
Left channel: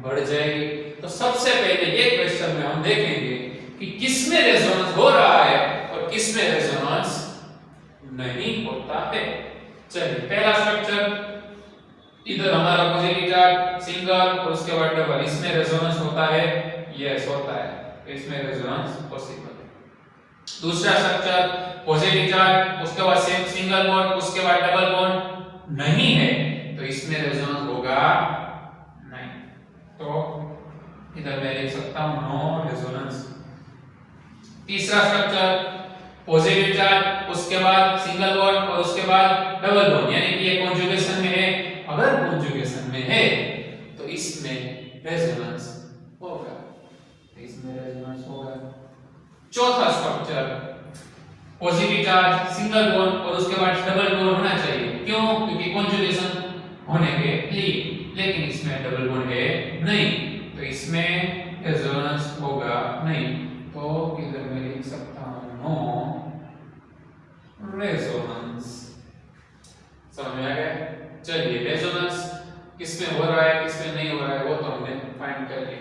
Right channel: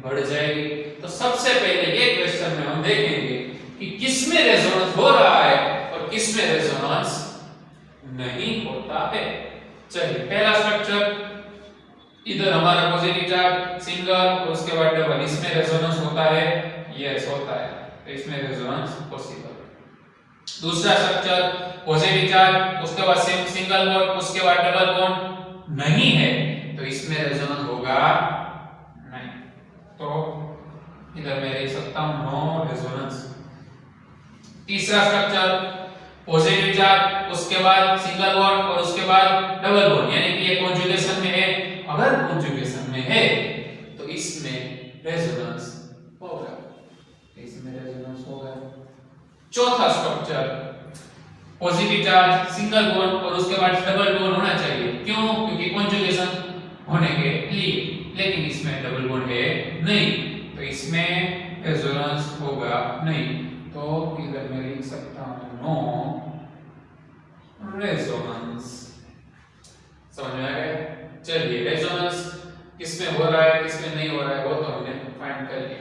बढ़ जाएगी। तो सबसे पहले ये क्वेश्चन में हम देखेंगे कि किसमें रेजोनेंस हो रहा है और किसमें रेजोनेंस नहीं होता है। चलिए पहला स्ट्रक्चर, इधर हमारा पॉजिटिव चार्ज सिंगल और उसके बाद डबल, इसमें रेजोनेंस होता है, यस होता है, तो इसमें रेजोनेंस पॉसिबल है। दूसरा स्ट्रक्चर पॉजिटिव चार्ज उसके बाद सिंगल बॉन्ड उसके बाद डबल बॉन्ड नहीं है, तो इसमें रेजोनेंस होगा नहीं, तो इधर मैं लिख सकता हूं नो रेजोनेंस। तीसरा स्ट्रक्चर पॉजिटिव चार्ज उसके बाद सिंगल बॉन्ड और उसके बाद डबल बॉन्ड, यानी कि ये कॉन्जुगेशन में है, अगर कॉन्जुगेशन में है तो इसमें रेजोनेंस होगा, इसमें रेजोनेंस होगा। चौथा structure positive charge single bond और उसके बाद डबल बॉन्ड होना चाहिए, क्यों? क्योंकि कॉन्जुगेशन होने के लिए, लेकिन इसमें डबल बॉन्ड है नहीं, तो इसमें रेजोनेंस होगा नहीं, तो इधर मैं लिख सकता हूं नो रेजोनेंस। समझ में आ गया? चलिए रेजोनेंस किसमें हो रहा है किसमें नहीं हो रहा है वो तो हमने फाइंड कर लिया।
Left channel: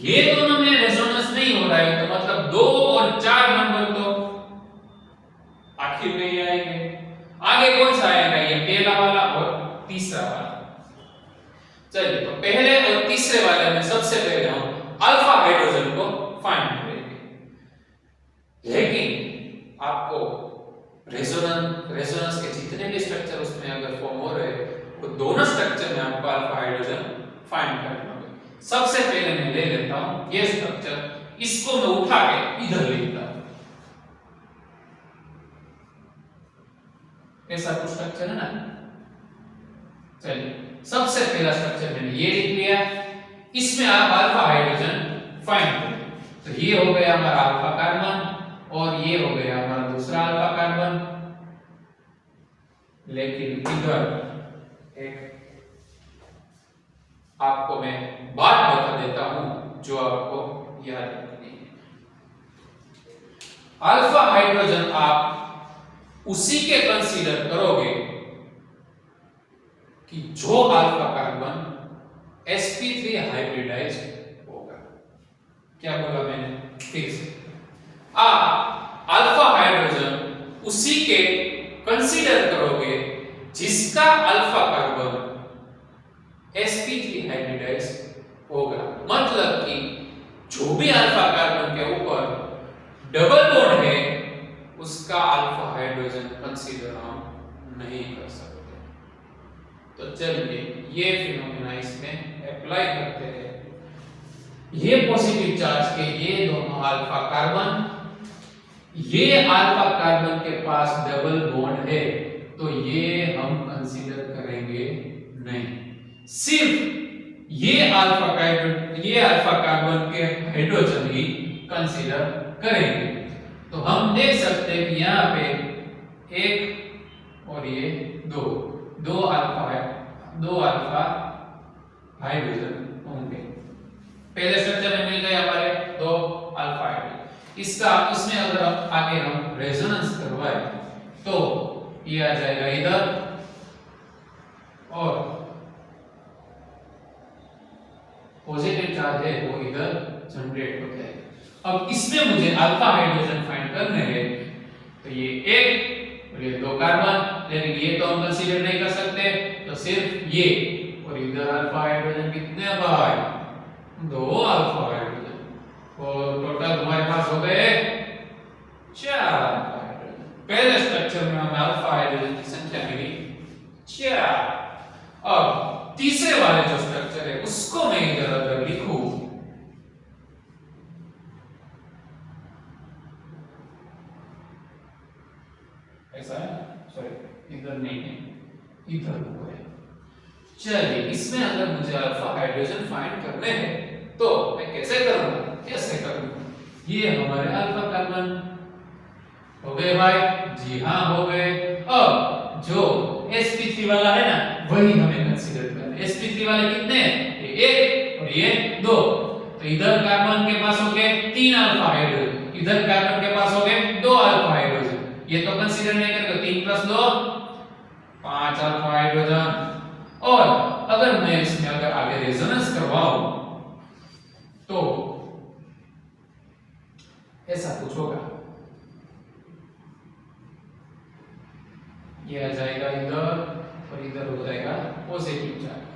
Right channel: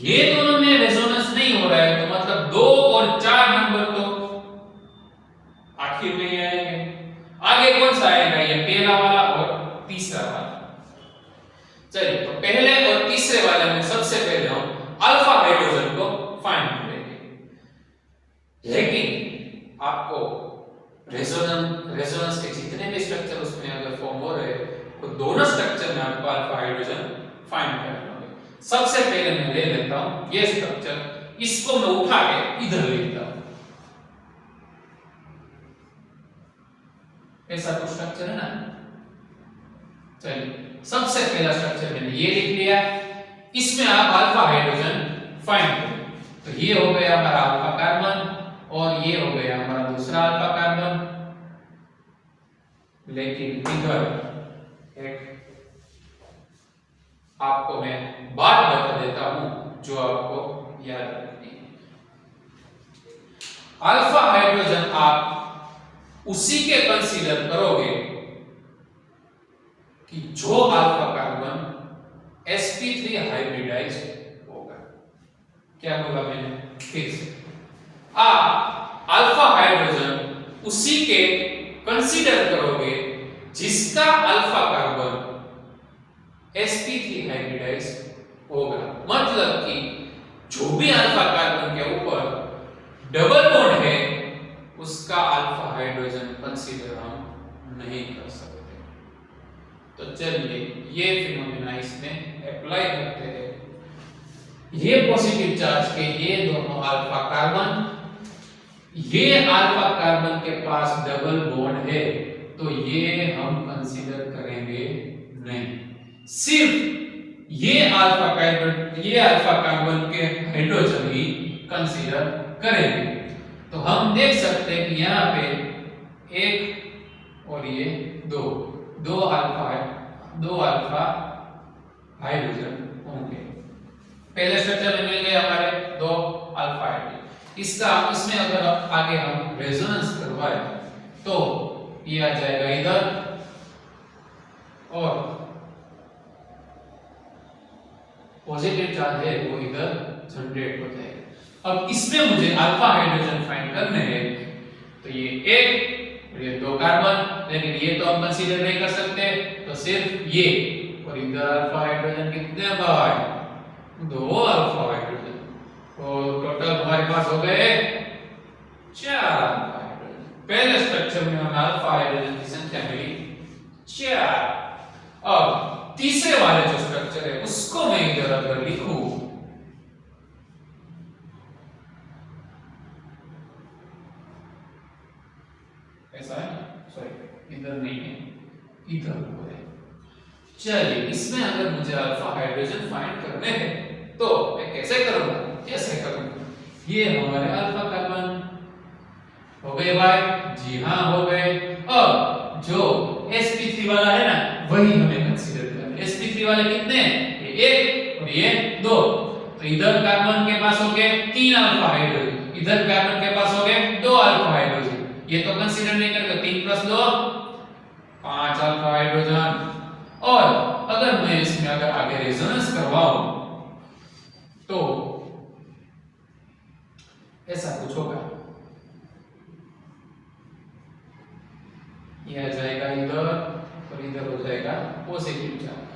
ये दोनों में रेजोनेंस नहीं हो रहा है तो मतलब 2 और 4 नंबर तो आखिर में ही आएंगे। आगे कौन सा आएगा? ये पहला वाला और तीसरा वाला। चलिए तो पहले और तीसरे वाले में सबसे पहले हम अल्फा हाइड्रोजन को फाइंड करेंगे, लेकिन आपको रेजोनेंस के जितने भी स्ट्रक्चर उसमें अगर फॉर्म हो रहे हैं वो दोनों स्ट्रक्चर में आपको अल्फा हाइड्रोजन फाइंड करना होगा। सबसे पहले मैं ले लेता हूं ये स्ट्रक्चर, इसको मैं उठा के इधर ले लेता हूं, ऐसा कुछ स्ट्रक्चर है ना। चलिए सबसे पहला स्ट्रक्चर मैंने ये लिख लिया, इसमें आप अल्फा हाइड्रोजन फाइंड करें, तो ये हो गया हमारा अल्फा कार्बन और ये हो गया हमारा दूसरा अल्फा कार्बन, लेकिन इधर एक आपको मैं बात बता देता हूं जो आपको याद रखनी है। अल्फा हाइड्रोजन आप उसी के कंसीडर करोगे कि जो अल्फा कार्बन sp3 हाइब्रिडाइज होगा। क्या बोला मैंने? फिर से आप अल्फा हाइड्रोजन उसी के कंसीडर करोगे जिसका अल्फा कार्बन sp3 हाइब्रिडाइज होगा, मतलब कि जो भी अल्फा कार्बन के ऊपर डबल बॉन्ड है उसका अल्फा हाइड्रोजन कंसीडर हम नहीं कर सकते। तो चलिए ये फिनोमेना इसमें अप्लाई करते हैं। ये पॉजिटिव चार्ज के ये दोनों अल्फा कार्बन, ये अल्फा कार्बन के पास डबल बॉन्ड है तो ये हम कंसीडर करेंगे नहीं, सिर्फ ये अल्फा कार्बन के हाइड्रोजन ही कंसीडर करेंगे। तो हम देख सकते हैं कि यहाँ पे एक और ये दो अल्फा हाइड्रोजन होंगे। पहले स्ट्रक्चर में मिल गए हमारे 2 अल्फा हाइड्रोजन। इसमें अगर आगे हम रेजोनेंस करवाएं तो ये आ जाएगा इधर और पॉजिटिव चार्ज है वो इधर जनरेट हो जाएगा। अब इसमें मुझे अल्फा हाइड्रोजन फाइंड करने हैं, तो ये एक और ये 2 कार्बन, लेकिन ये तो हम कंसीडर नहीं कर सकते, तो सिर्फ ये और इधर अल्फा हाइड्रोजन कितने भाई? 2 अल्फा हाइड्रोजन, और टोटल हमारे पास हो गए 4 हाइड्रोजन। पहले स्ट्रक्चर में हमें अल्फा हाइड्रोजन की संख्या मिली 4। अब तीसरे वाले जो स्ट्रक्चर है उसको मैं इधर अगर लिखूं, ऐसा है ना, सॉरी इधर नहीं है, इधर हो है। चलिए इसमें अगर मुझे अल्फा हाइड्रोजन फाइंड करने हैं तो मैं कैसे करूंगा? ये हमारे अल्फा कार्बन हो गए भाई, जी हाँ हो गए। अब जो sp3 वाला है ना वही हमें कंसीडर करना है। sp3 वाले कितने हैं? ये 1 और ये 2, तो इधर कार्बन के पास हो गए 3 अल्फा हाइड्रोजन, इधर कार्बन के पास हो गए 2 अल्फा हाइड्रोजन, ये तो कंसीडर नहीं करेंगे। 3 + 2 5 अल्फा हाइड्रोजन। और अगर मैं इसमें अगर आगे रेजोनेंस करवाऊं तो ऐसा कुछ होगा, ये आ जाएगा इधर और इधर हो जाएगा पॉजिटिव चार्ज।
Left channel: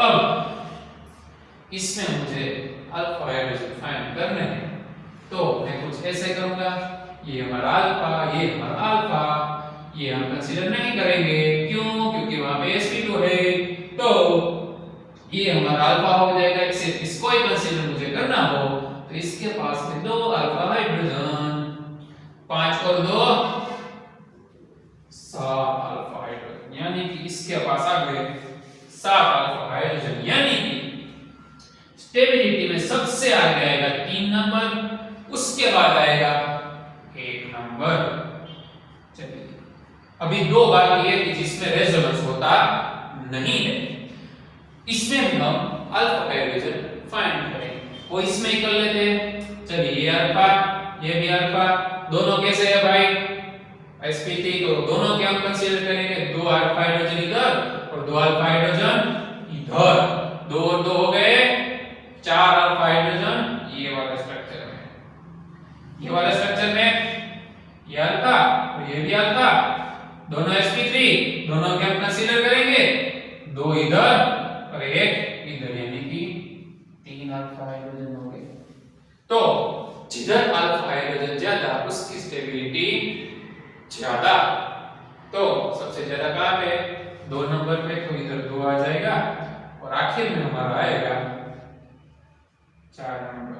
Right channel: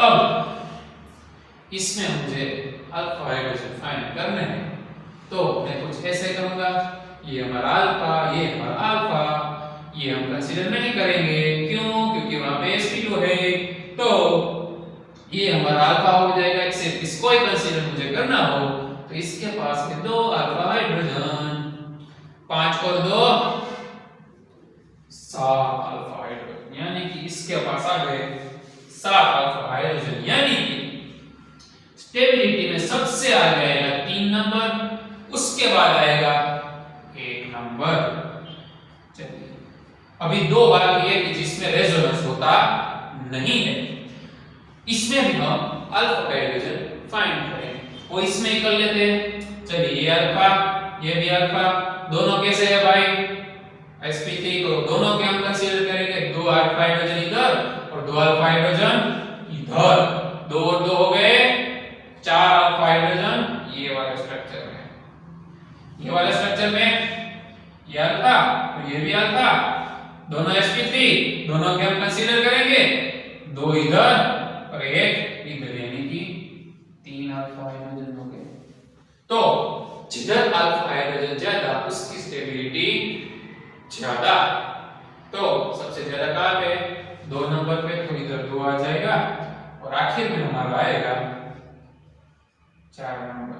अब इसमें मुझे अल्फा हाइड्रोजन फाइंड करना है, तो मैं कुछ ऐसे करूंगा, ये हमारा अल्फा, ये हमारा अल्फा, ये हम कंसीडर नहीं करेंगे, क्यों? क्योंकि वहां पे sp2 है, तो ये हमारा अल्फा हो जाएगा। इसको ही कंसीडर मुझे करना हो तो इसके पास में 2 अल्फा हाइड्रोजन, 5 और 2 7 अल्फा हाइड्रोजन, यानी कि इसके पास आ गए 7 अल्फा हाइड्रोजन, यानी कि स्टेबिलिटी में सबसे आगे आएगा 3 नंबर, उसके बाद आएगा 1 नंबर। चलिए अभी 2 बाकी है कि जिसमें रेजोनेंस होता नहीं है, इसमें भी हम अल्फा हाइड्रोजन फाइंड करेंगे, वो इसमें ही कर लेते हैं। चलिए ये अल्फा, ये भी अल्फा, दोनों कैसे है भाई? sp3, तो दोनों के हम कंसीडर करेंगे, 2 अल्फा हाइड्रोजन इधर और 2 अल्फा हाइड्रोजन इधर, 2 और 2 हो गए 4 अल्फा हाइड्रोजन ये वाला स्ट्रक्चर में, ये वाला स्ट्रक्चर में ये अल्फा और ये भी अल्फा, दोनों sp3, दोनों के हम कंसीडर करेंगे, 2 इधर और 1 इधर, यानी कि 3 अल्फा हाइड्रोजन हो गए। तो जिधर अल्फा हाइड्रोजन ज्यादा उसकी स्टेबिलिटी ज्यादा, तो सबसे ज्यादा कहां पे? 2 नंबर पे, तो इधर 2 आ जाएगा और आखिर में हमारा आएगा 4 नंबर।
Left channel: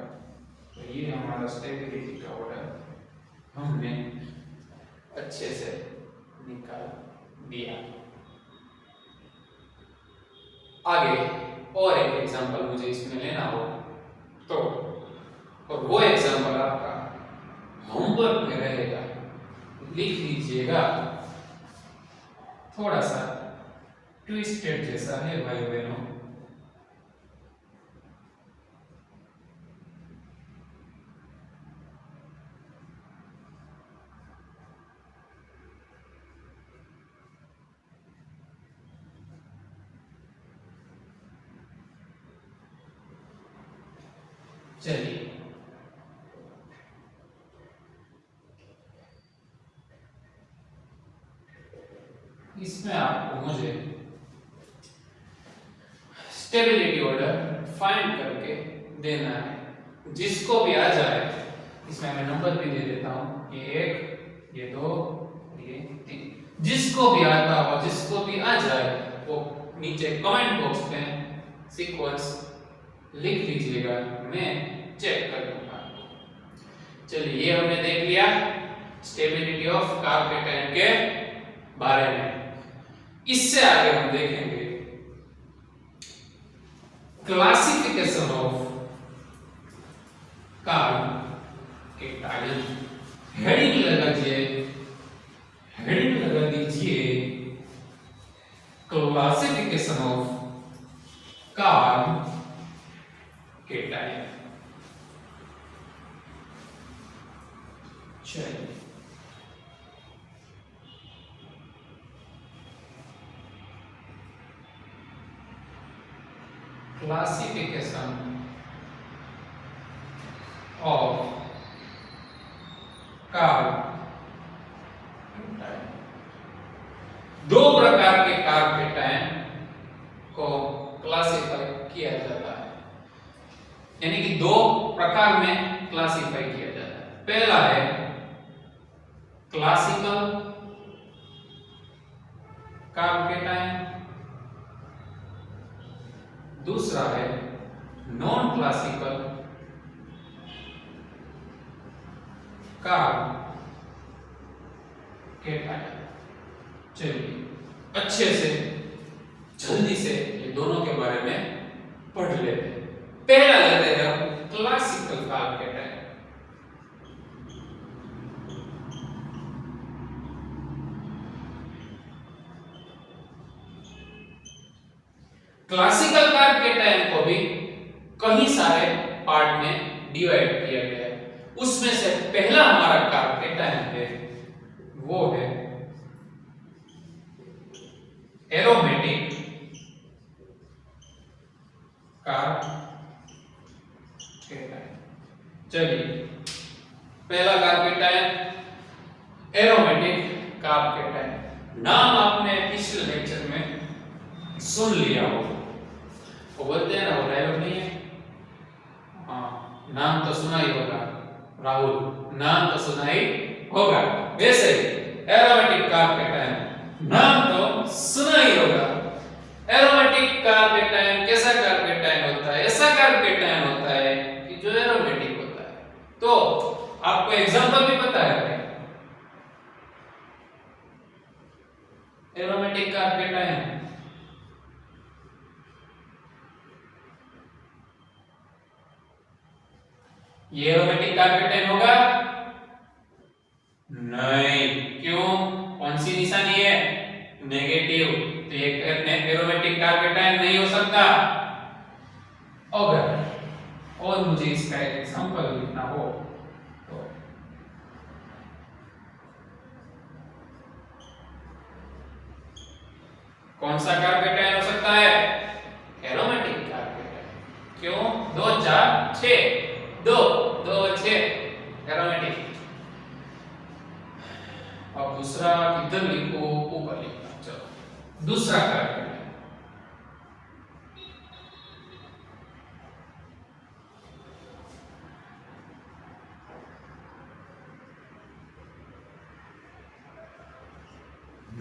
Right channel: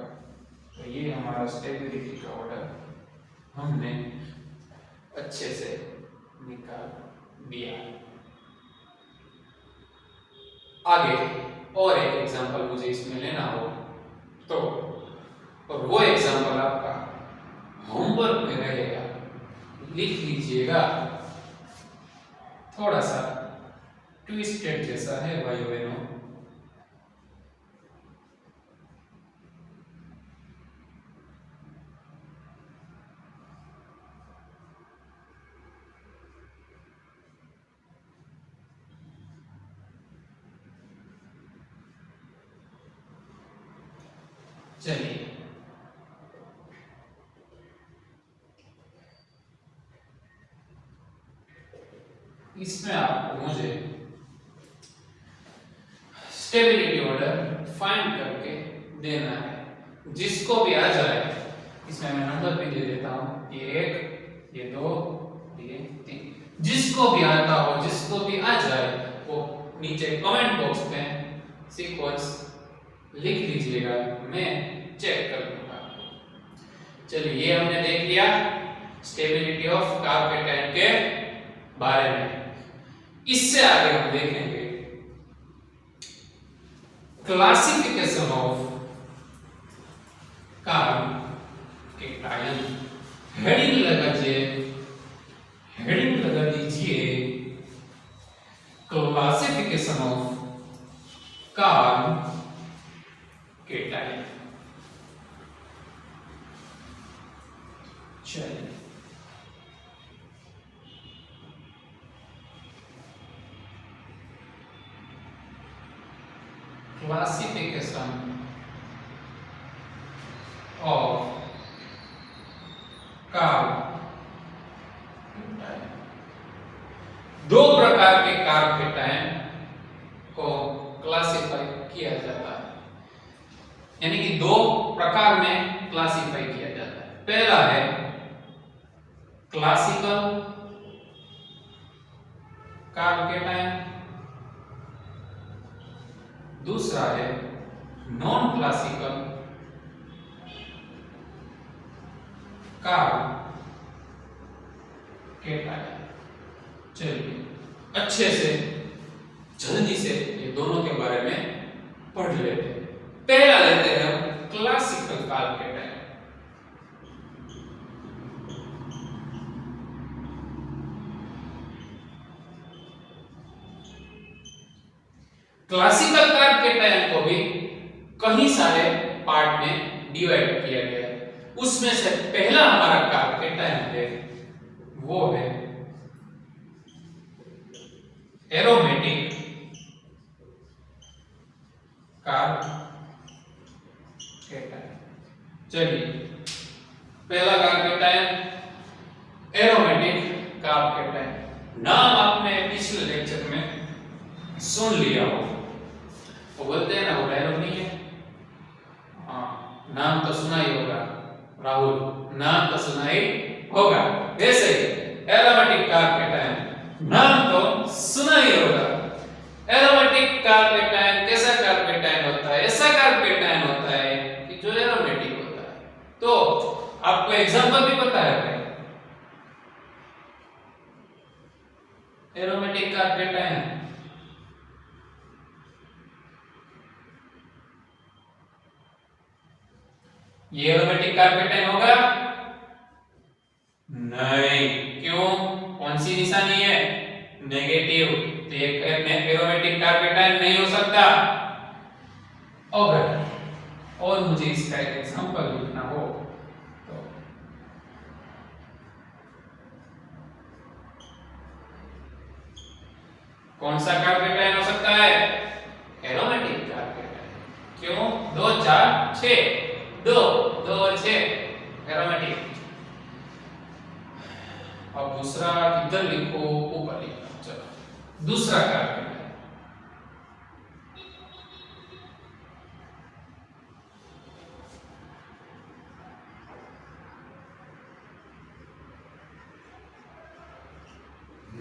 तो ये हमारा स्टेबिलिटी का ऑर्डर हमने अच्छे से निकाल दिया। आगे और एक एग्जांपल मुझे इसमें लेना हो तो, और वो एग्जांपल आपका होमवर्क में रहेगा, लिख लीजिएगा। थोड़ा सा ट्विस्टेड जैसा है भाई बहनों, चलिए इसमें आपको मुझे स्टेबिलिटी ऑर्डर फाइंड करके देना है, जिसको भी आ जाए, इसमें मैं नंबर भी दे देता हूं, ये 1, ये 2, ये 3, जिसको भी आता हो, जिसको भी आ जाए वो नीचे कमेंट बॉक्स में सीक्वेंस लिख लीजिएगा, मैं चेक कर लूंगा। चलिए ये हमने देख लिया स्टेबिलिटी ऑफ कार्बोकेटाइन के बारे में। इससे आगे हम देखेंगे क्लासिफिकेशन ऑफ कार्बोकेटाइन। हेडिंग लगा दीजिए क्लासिफिकेशन ऑफ कार्बोकेटाइन। चलिए क्लासिफिकेशन ऑफ कार्बोकेटाइन। 2 प्रकार के कार्बोकेटाइन को क्लासिफाई किया जाता है, यानी कि 2 प्रकार में क्लासिफाई किया जाता है। पहला है क्लासिकल कार्बोकेटाइन, दूसरा है नॉन क्लासिकल कार्बोकेटाइन। चलिए अच्छे से जल्दी से ये दोनों के बारे में पढ़ लेते हैं। पहला लेते हैं हम क्लासिकल कार्बोकेटाइन। क्लासिकल कार्बोकेटाइन को भी कई सारे पार्ट में डिवाइड किया गया है। उसमें से पहला हमारा कार कैटायन है वो है एरोमेटिक कार कैटायन। चलिए पहला car cation aromatic car cation. नाम आपने पिछले लेक्चर में सुन लिया हो, वो बोलते हैं ना वो डायलॉग नहीं है, हाँ नाम तो सुना ही होगा राहुल, नाम तो सुना ही होगा। वैसे एरोमेटिक कार कैटायन नाम तो सुना ही होगा। एरोमेटिक कार कैटायन कैसा कार कैटायन होता है? ऐसा कार कैटायन होता है कि जो एरोमेटिक होता है। तो आपको एग्जांपल भी पता है क्या? एरोमेटिक कार कैटायन ये एरोमेटिक कार कैटायन होगा नहीं। क्यों? कौन सी निशानी है? नेगेटिव। तो ये एरोमेटिक कार कैटायन नहीं हो सकता। अगर और मुझे इसका एक एग्जांपल लिखना हो तो कौन सा कार कैटायन हो सकता है? Aromatic car cation. क्यों? 2 4 6 2 2 और 6 एरोमेटिक। अब दूसरा किधर लिखो? ऊपर लिखो। चलो दूसरा कार कैटायन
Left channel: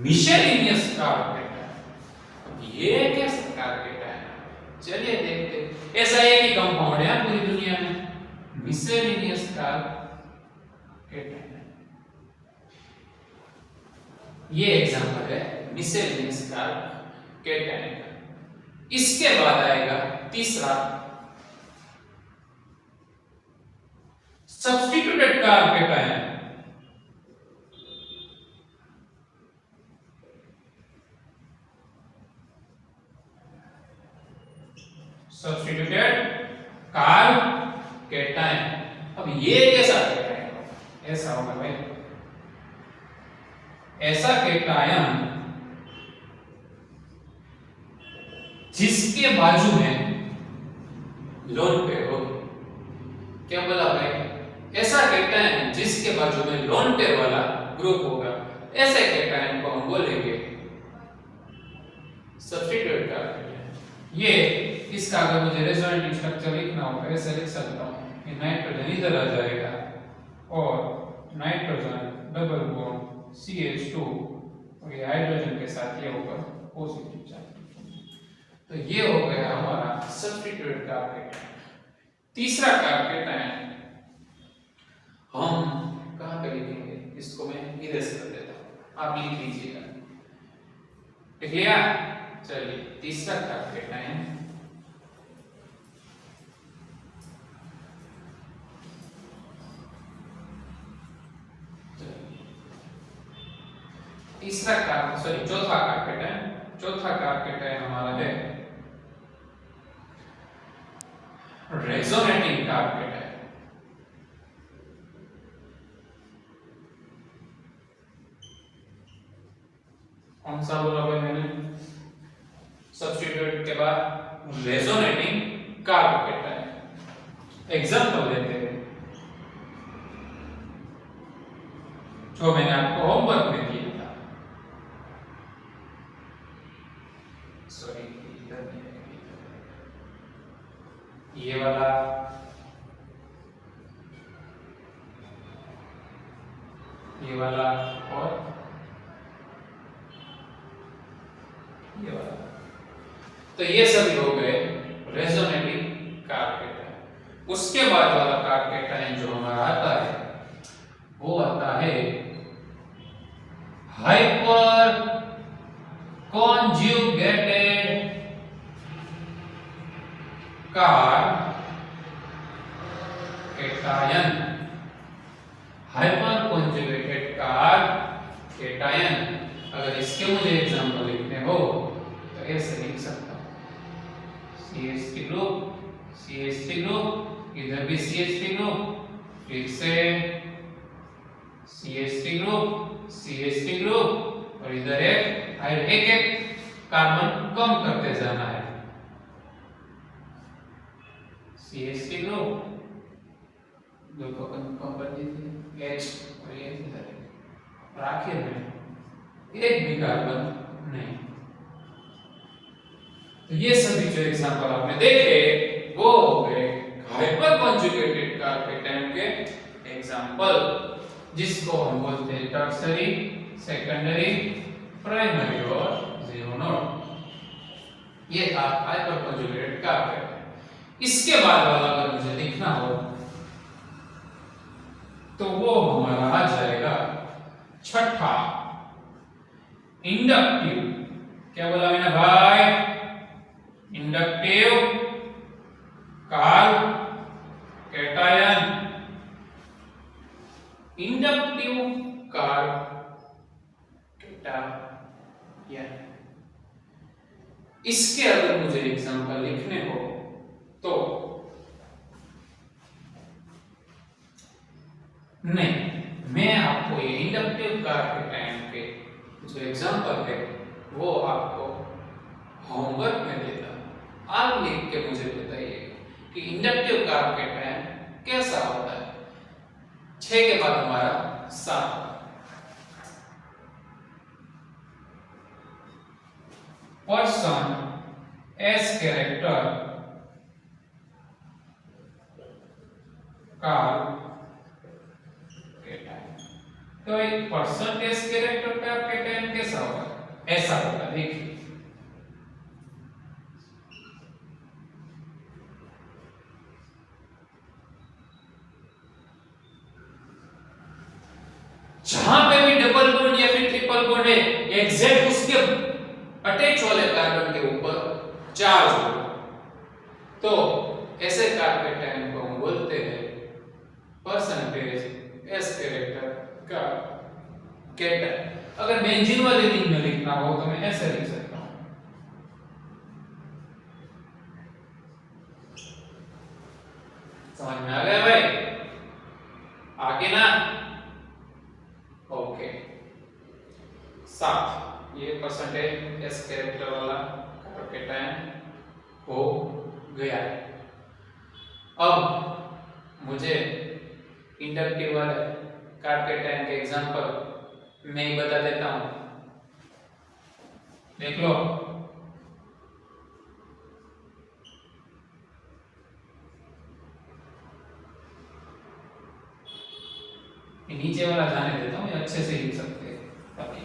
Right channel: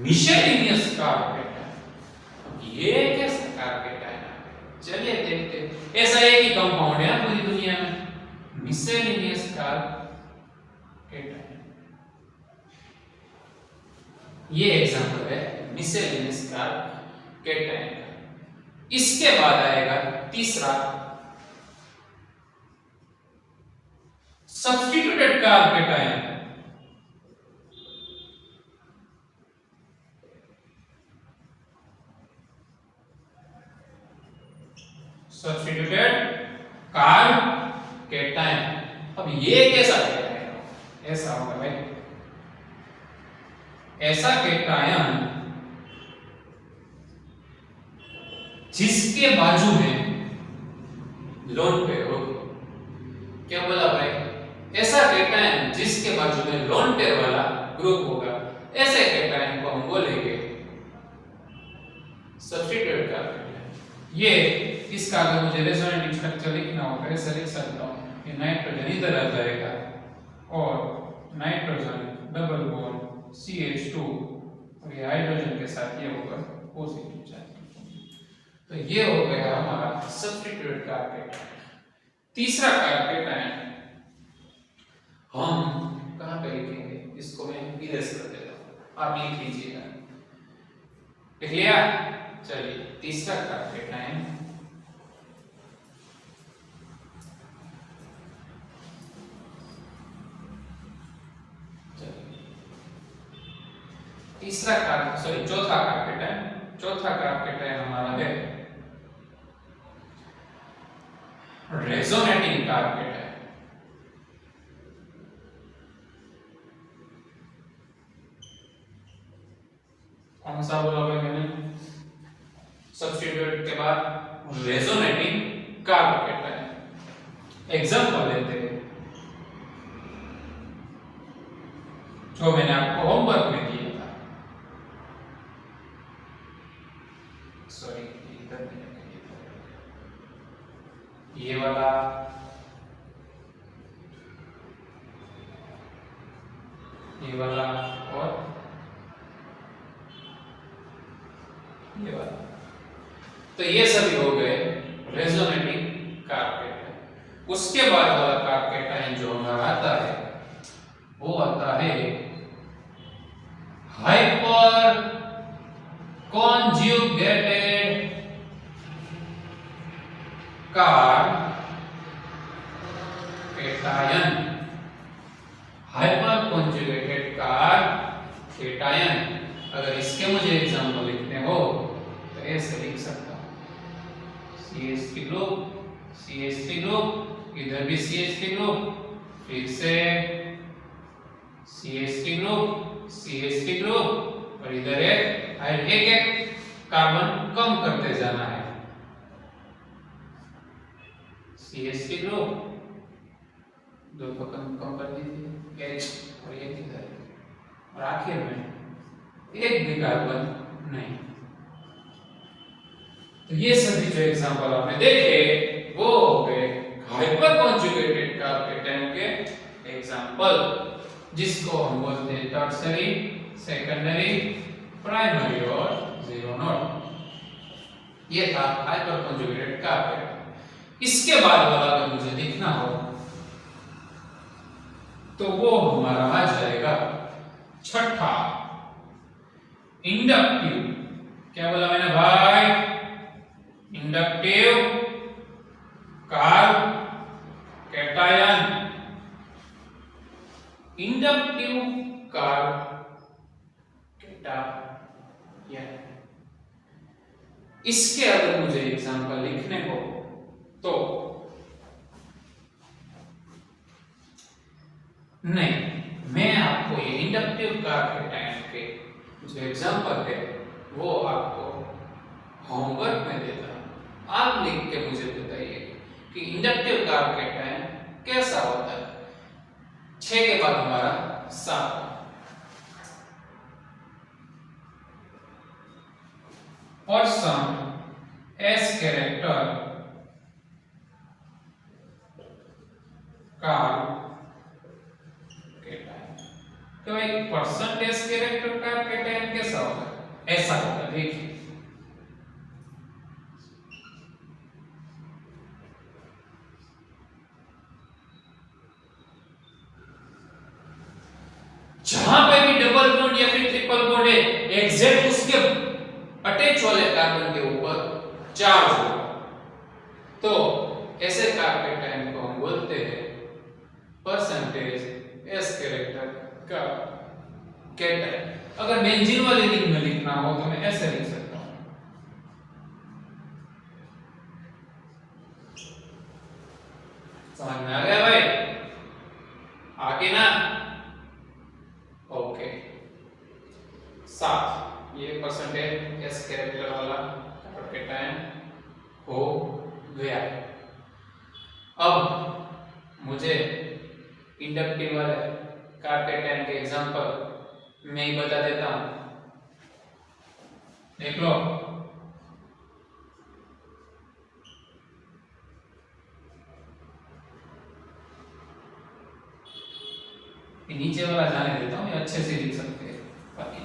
मिशेलिनियस कार कैटायन। ये कैसे कार कैटायन है? चलिए देखते हैं। ऐसा एक ही कंपाउंड है पूरी दुनिया में, मिशेलिनियस कार कैटायन। ये एग्जांपल है मिशेलिनियस कार कैटायन का। इसके बाद आएगा तीसरा substituted car cation. Substituted car cation. अब ये कैसा कैटायन होगा? ऐसा होगा भाई, ऐसा कैटायन जिसके बाजू में लोन पेयर हो। क्या बोला भाई? ऐसा कैटायन जिसके बाजू में लोन पेयर वाला ग्रुप होगा, ऐसे कैटायन को हम बोलेंगे सब्स्टिट्यूटेड कार कैटायन। ये इसका अगर मुझे रेजोनेटिंग स्ट्रक्चर लिखना हो तो ऐसे लिख सकता हूं कि नाइट्रोजन इधर आ जाएगा और नाइट्रोजन डबल बॉन्ड CH2 और ये हाइड्रोजन के साथ ये होगा पॉजिटिव चार्ज। तो ये हो गया हमारा सब्स्टिट्यूटेड कार कैटायन। तीसरा कार कैटायन हम कहां पे लिखेंगे? इसको मैं इरेज कर देता हूं, आप लिख लीजिएगा। लिख लिया? चलिए तीसरा कार कैटायन चौथा कार कैटायन हमारा है रेजोनेटिंग कार कैटायन। कौन सा बोला भाई मैंने? सब्स्टिट्यूट के बाद रेजोनेटिंग कार कैटायन। एग्जांपल लेते हैं जो मैंने आपको होमवर्क में दिया था। सॉरी इधर ये वाला और ये वाला। तो ये सभी हो गए रेजोनेटिंग कार कैटायन। उसके बाद वाला कार कैटायन जो हमारा आता है वो आता है hyper conjugated car cation. Hyper conjugated car cation. अगर इसके मुझे एग्जांपल लिखने हो तो ऐसे लिख सकता हूं CH3 ग्रुप CH3 ग्रुप, इधर भी CH3 ग्रुप, फिर से CH3 ग्रुप, CH3 ग्रुप और इधर एक एक कार्बन कम करते जाना है। CH3 ग्रुप दो तो कम कर दीजिए H और ये इधर और आखिर में एक भी कार्बन नहीं। तो ये सभी जो एग्जांपल आपने देखे वो हो गए हाइपर कॉन्जुगेटेड कार्बेटाइन के एग्जांपल, जिसको हम बोलते हैं टर्शियरी, सेकेंडरी, प्राइमरी और जीरो नोड। ये था हाइपर कॉन्जुगेटेड कार्बेट। इसके बाद वाला अगर मुझे लिखना हो तो वो हमारा आ जाएगा छठा, इंडक्टिव। क्या बोला मैंने भाई? Inductive carb cation, inductive carb cation. इसके अगर मुझे एग्जांपल लिखने हो तो नहीं, मैं आपको ये इंडक्टिव कार्ब कैटायन के जो एग्जांपल है वो आपको होमवर्क में देता हूं। आप लिख के मुझे बताइए कि इंडक्टिव कार्ब कैटायन कैसा होता है। 6 के बाद हमारा 7 person S character carb cation. तो एक परसेंटेज कैरेक्टर कार्ब कैटायन कैसा होगा? ऐसा होगा, देखिए जहां पे भी डबल बॉन्ड या फिर ट्रिपल बॉन्ड है एग्जैक्ट उसके अटैच वाले कार्बन के ऊपर चार्ज होगा, तो ऐसे कार्ब कैटायन को हम बोलते हैं परसेंटेज एस कैरेक्टर का कैटायन। अगर बेंजीन वाले रिंग में लिखना हो तो मैं ऐसे लिख सकता हूं, समझ में आ गया भाई? आगे ना, ओके। 7 ये परसेंटेज एस कैरेक्टर वाला कार्ब कैटायन हो गया। अब मुझे इंडक्टिव वाले कार्ब कैटायन के एग्जांपल मैं ही बता देता हूं, देख लो। नीचे वाला जाने देता हूं, ये अच्छे से लिख सकते हैं बाकी।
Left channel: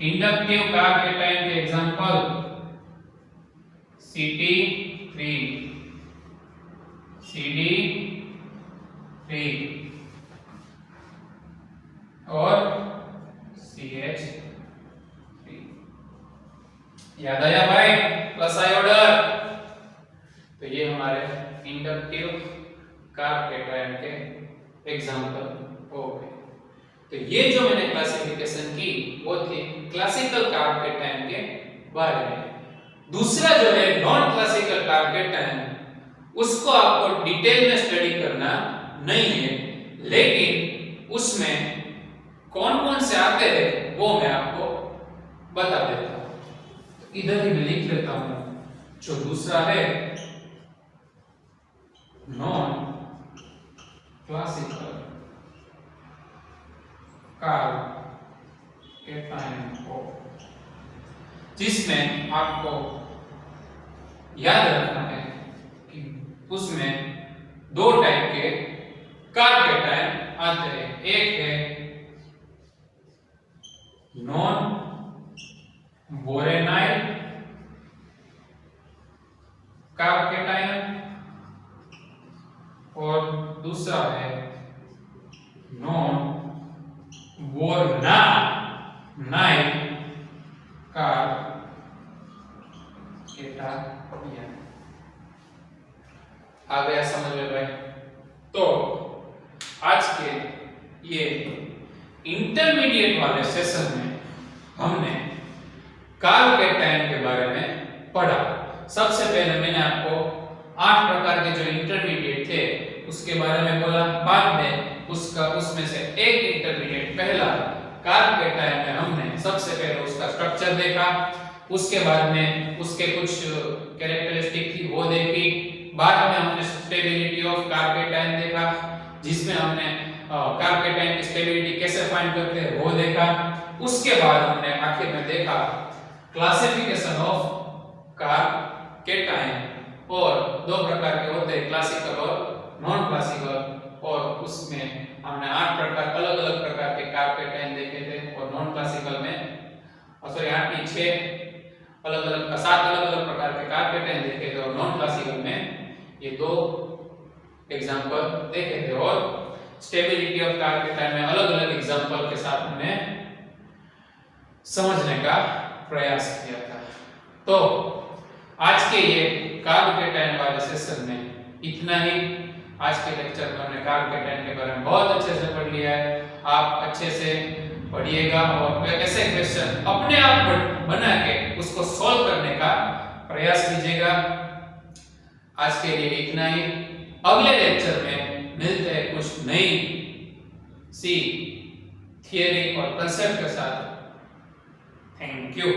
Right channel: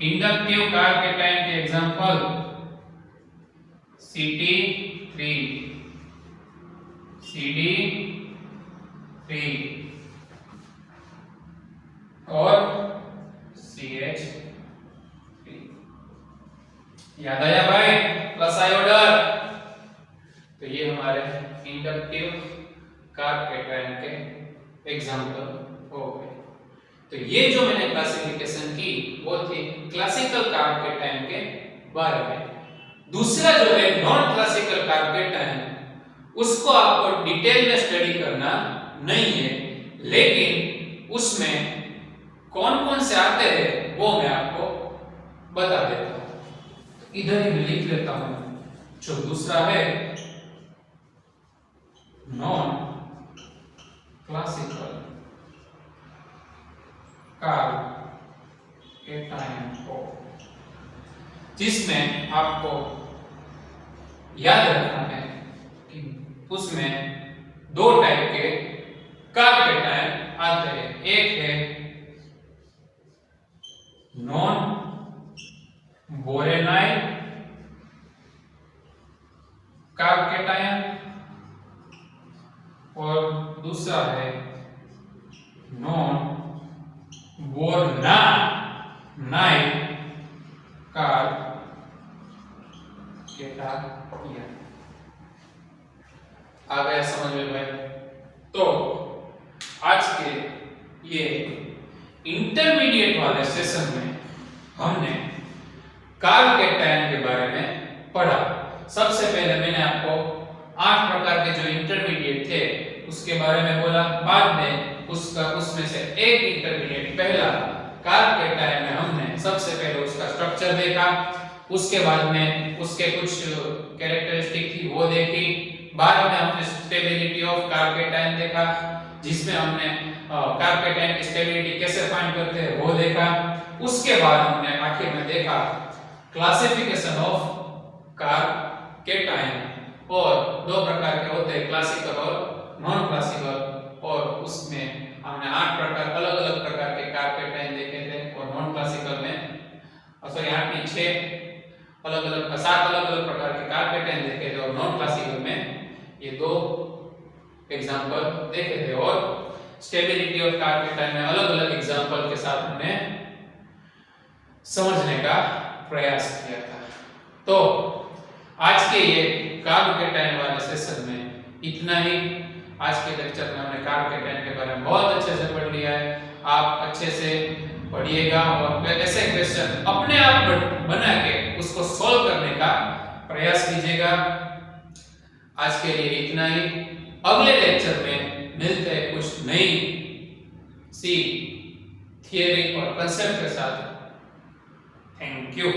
इंडक्टिव कार्ब कैटायन के एग्जांपल Ct3, Cd3 और CH3। याद आया भाई? प्लस आयोडर। तो ये हमारे इंडक्टिव कार्ब कैटायन के एग्जांपल हो गए। तो ये जो मैंने क्लासिफिकेशन की वो थी क्लासिकल कार्ब कैटायन के बारे में। दूसरा जो है नॉन क्लासिकल कार्ब कैटायन, उसको आपको डिटेल में स्टडी करना नहीं है, लेकिन उसमें कौन कौन से आते हैं वो मैं आपको बता देता हूं। तो इधर ही लिख लेता हूं। जो दूसरा है नॉन क्लासिकल कार्ब कैटायन हो, जिसमें आपको याद रखना है कि उसमें 2 टाइप के कार्ब कैटायन आते हैं। एक है नॉन बोरेनाइल कार्ब कैटायन और दूसरा है नॉन बोरनाइल कार्ब कैटायन। आ गया समझ में भाई? तो आज के ये इंटरमीडिएट वाले सेशन में हमने कार्ब कैटायन के बारे में पढ़ा। सबसे पहले मैंने आपको 8 प्रकार के जो इंटरमीडिएट थे उसके बारे में बोला, बाद में उसमें से एक इंटरमीडिएट पहला कार्बोकेटायन में हमने सबसे पहले उसका स्ट्रक्चर देखा, उसके बाद में उसके कुछ कैरेक्टरिस्टिक थी वो देखी, बाद में हमने स्टेबिलिटी ऑफ कार्बोकेटायन देखा जिसमें हमने कार्बोकेटायन की स्टेबिलिटी कैसे फाइंड करते हैं वो देखा, उसके बाद हमने आखिर में देखा क्लासिफिकेशन ऑफ कार्बोकेटायन और दो प्रकार के होते हैं क्लासिकल और नॉन क्लासिकल, और उसमें हमने 8 प्रकार अलग-अलग प्रकार के कार्बोकेटायन देखे थे और नॉन क्लासिकल में 8 नहीं 6 अलग-अलग 7 अलग-अलग प्रकार के कार्बोकेटायन देखे थे और नॉन क्लासिकल में ये 2 एग्जांपल देखे थे और स्टेबिलिटी ऑफ कार्बोकेटायन में अलग-अलग एग्जांपल के साथ हमने समझने का प्रयास किया था। तो आज के ये कार्बोकेटायन वाले सेशन में इतना ही। आज के लेक्चर में हमने कार्बोकेटायन के बारे में बहुत अच्छे से पढ़ लिया है। आप अच्छे से पढ़िएगा और ऐसे क्वेश्चन अपने आप बना के उसको सॉल्व करने का प्रयास कीजिएगा। आज के लिए इतना ही। अगले लेक्चर में मिलते हैं कुछ नई सी थियरी और कंसेप्ट के साथ। Thank you.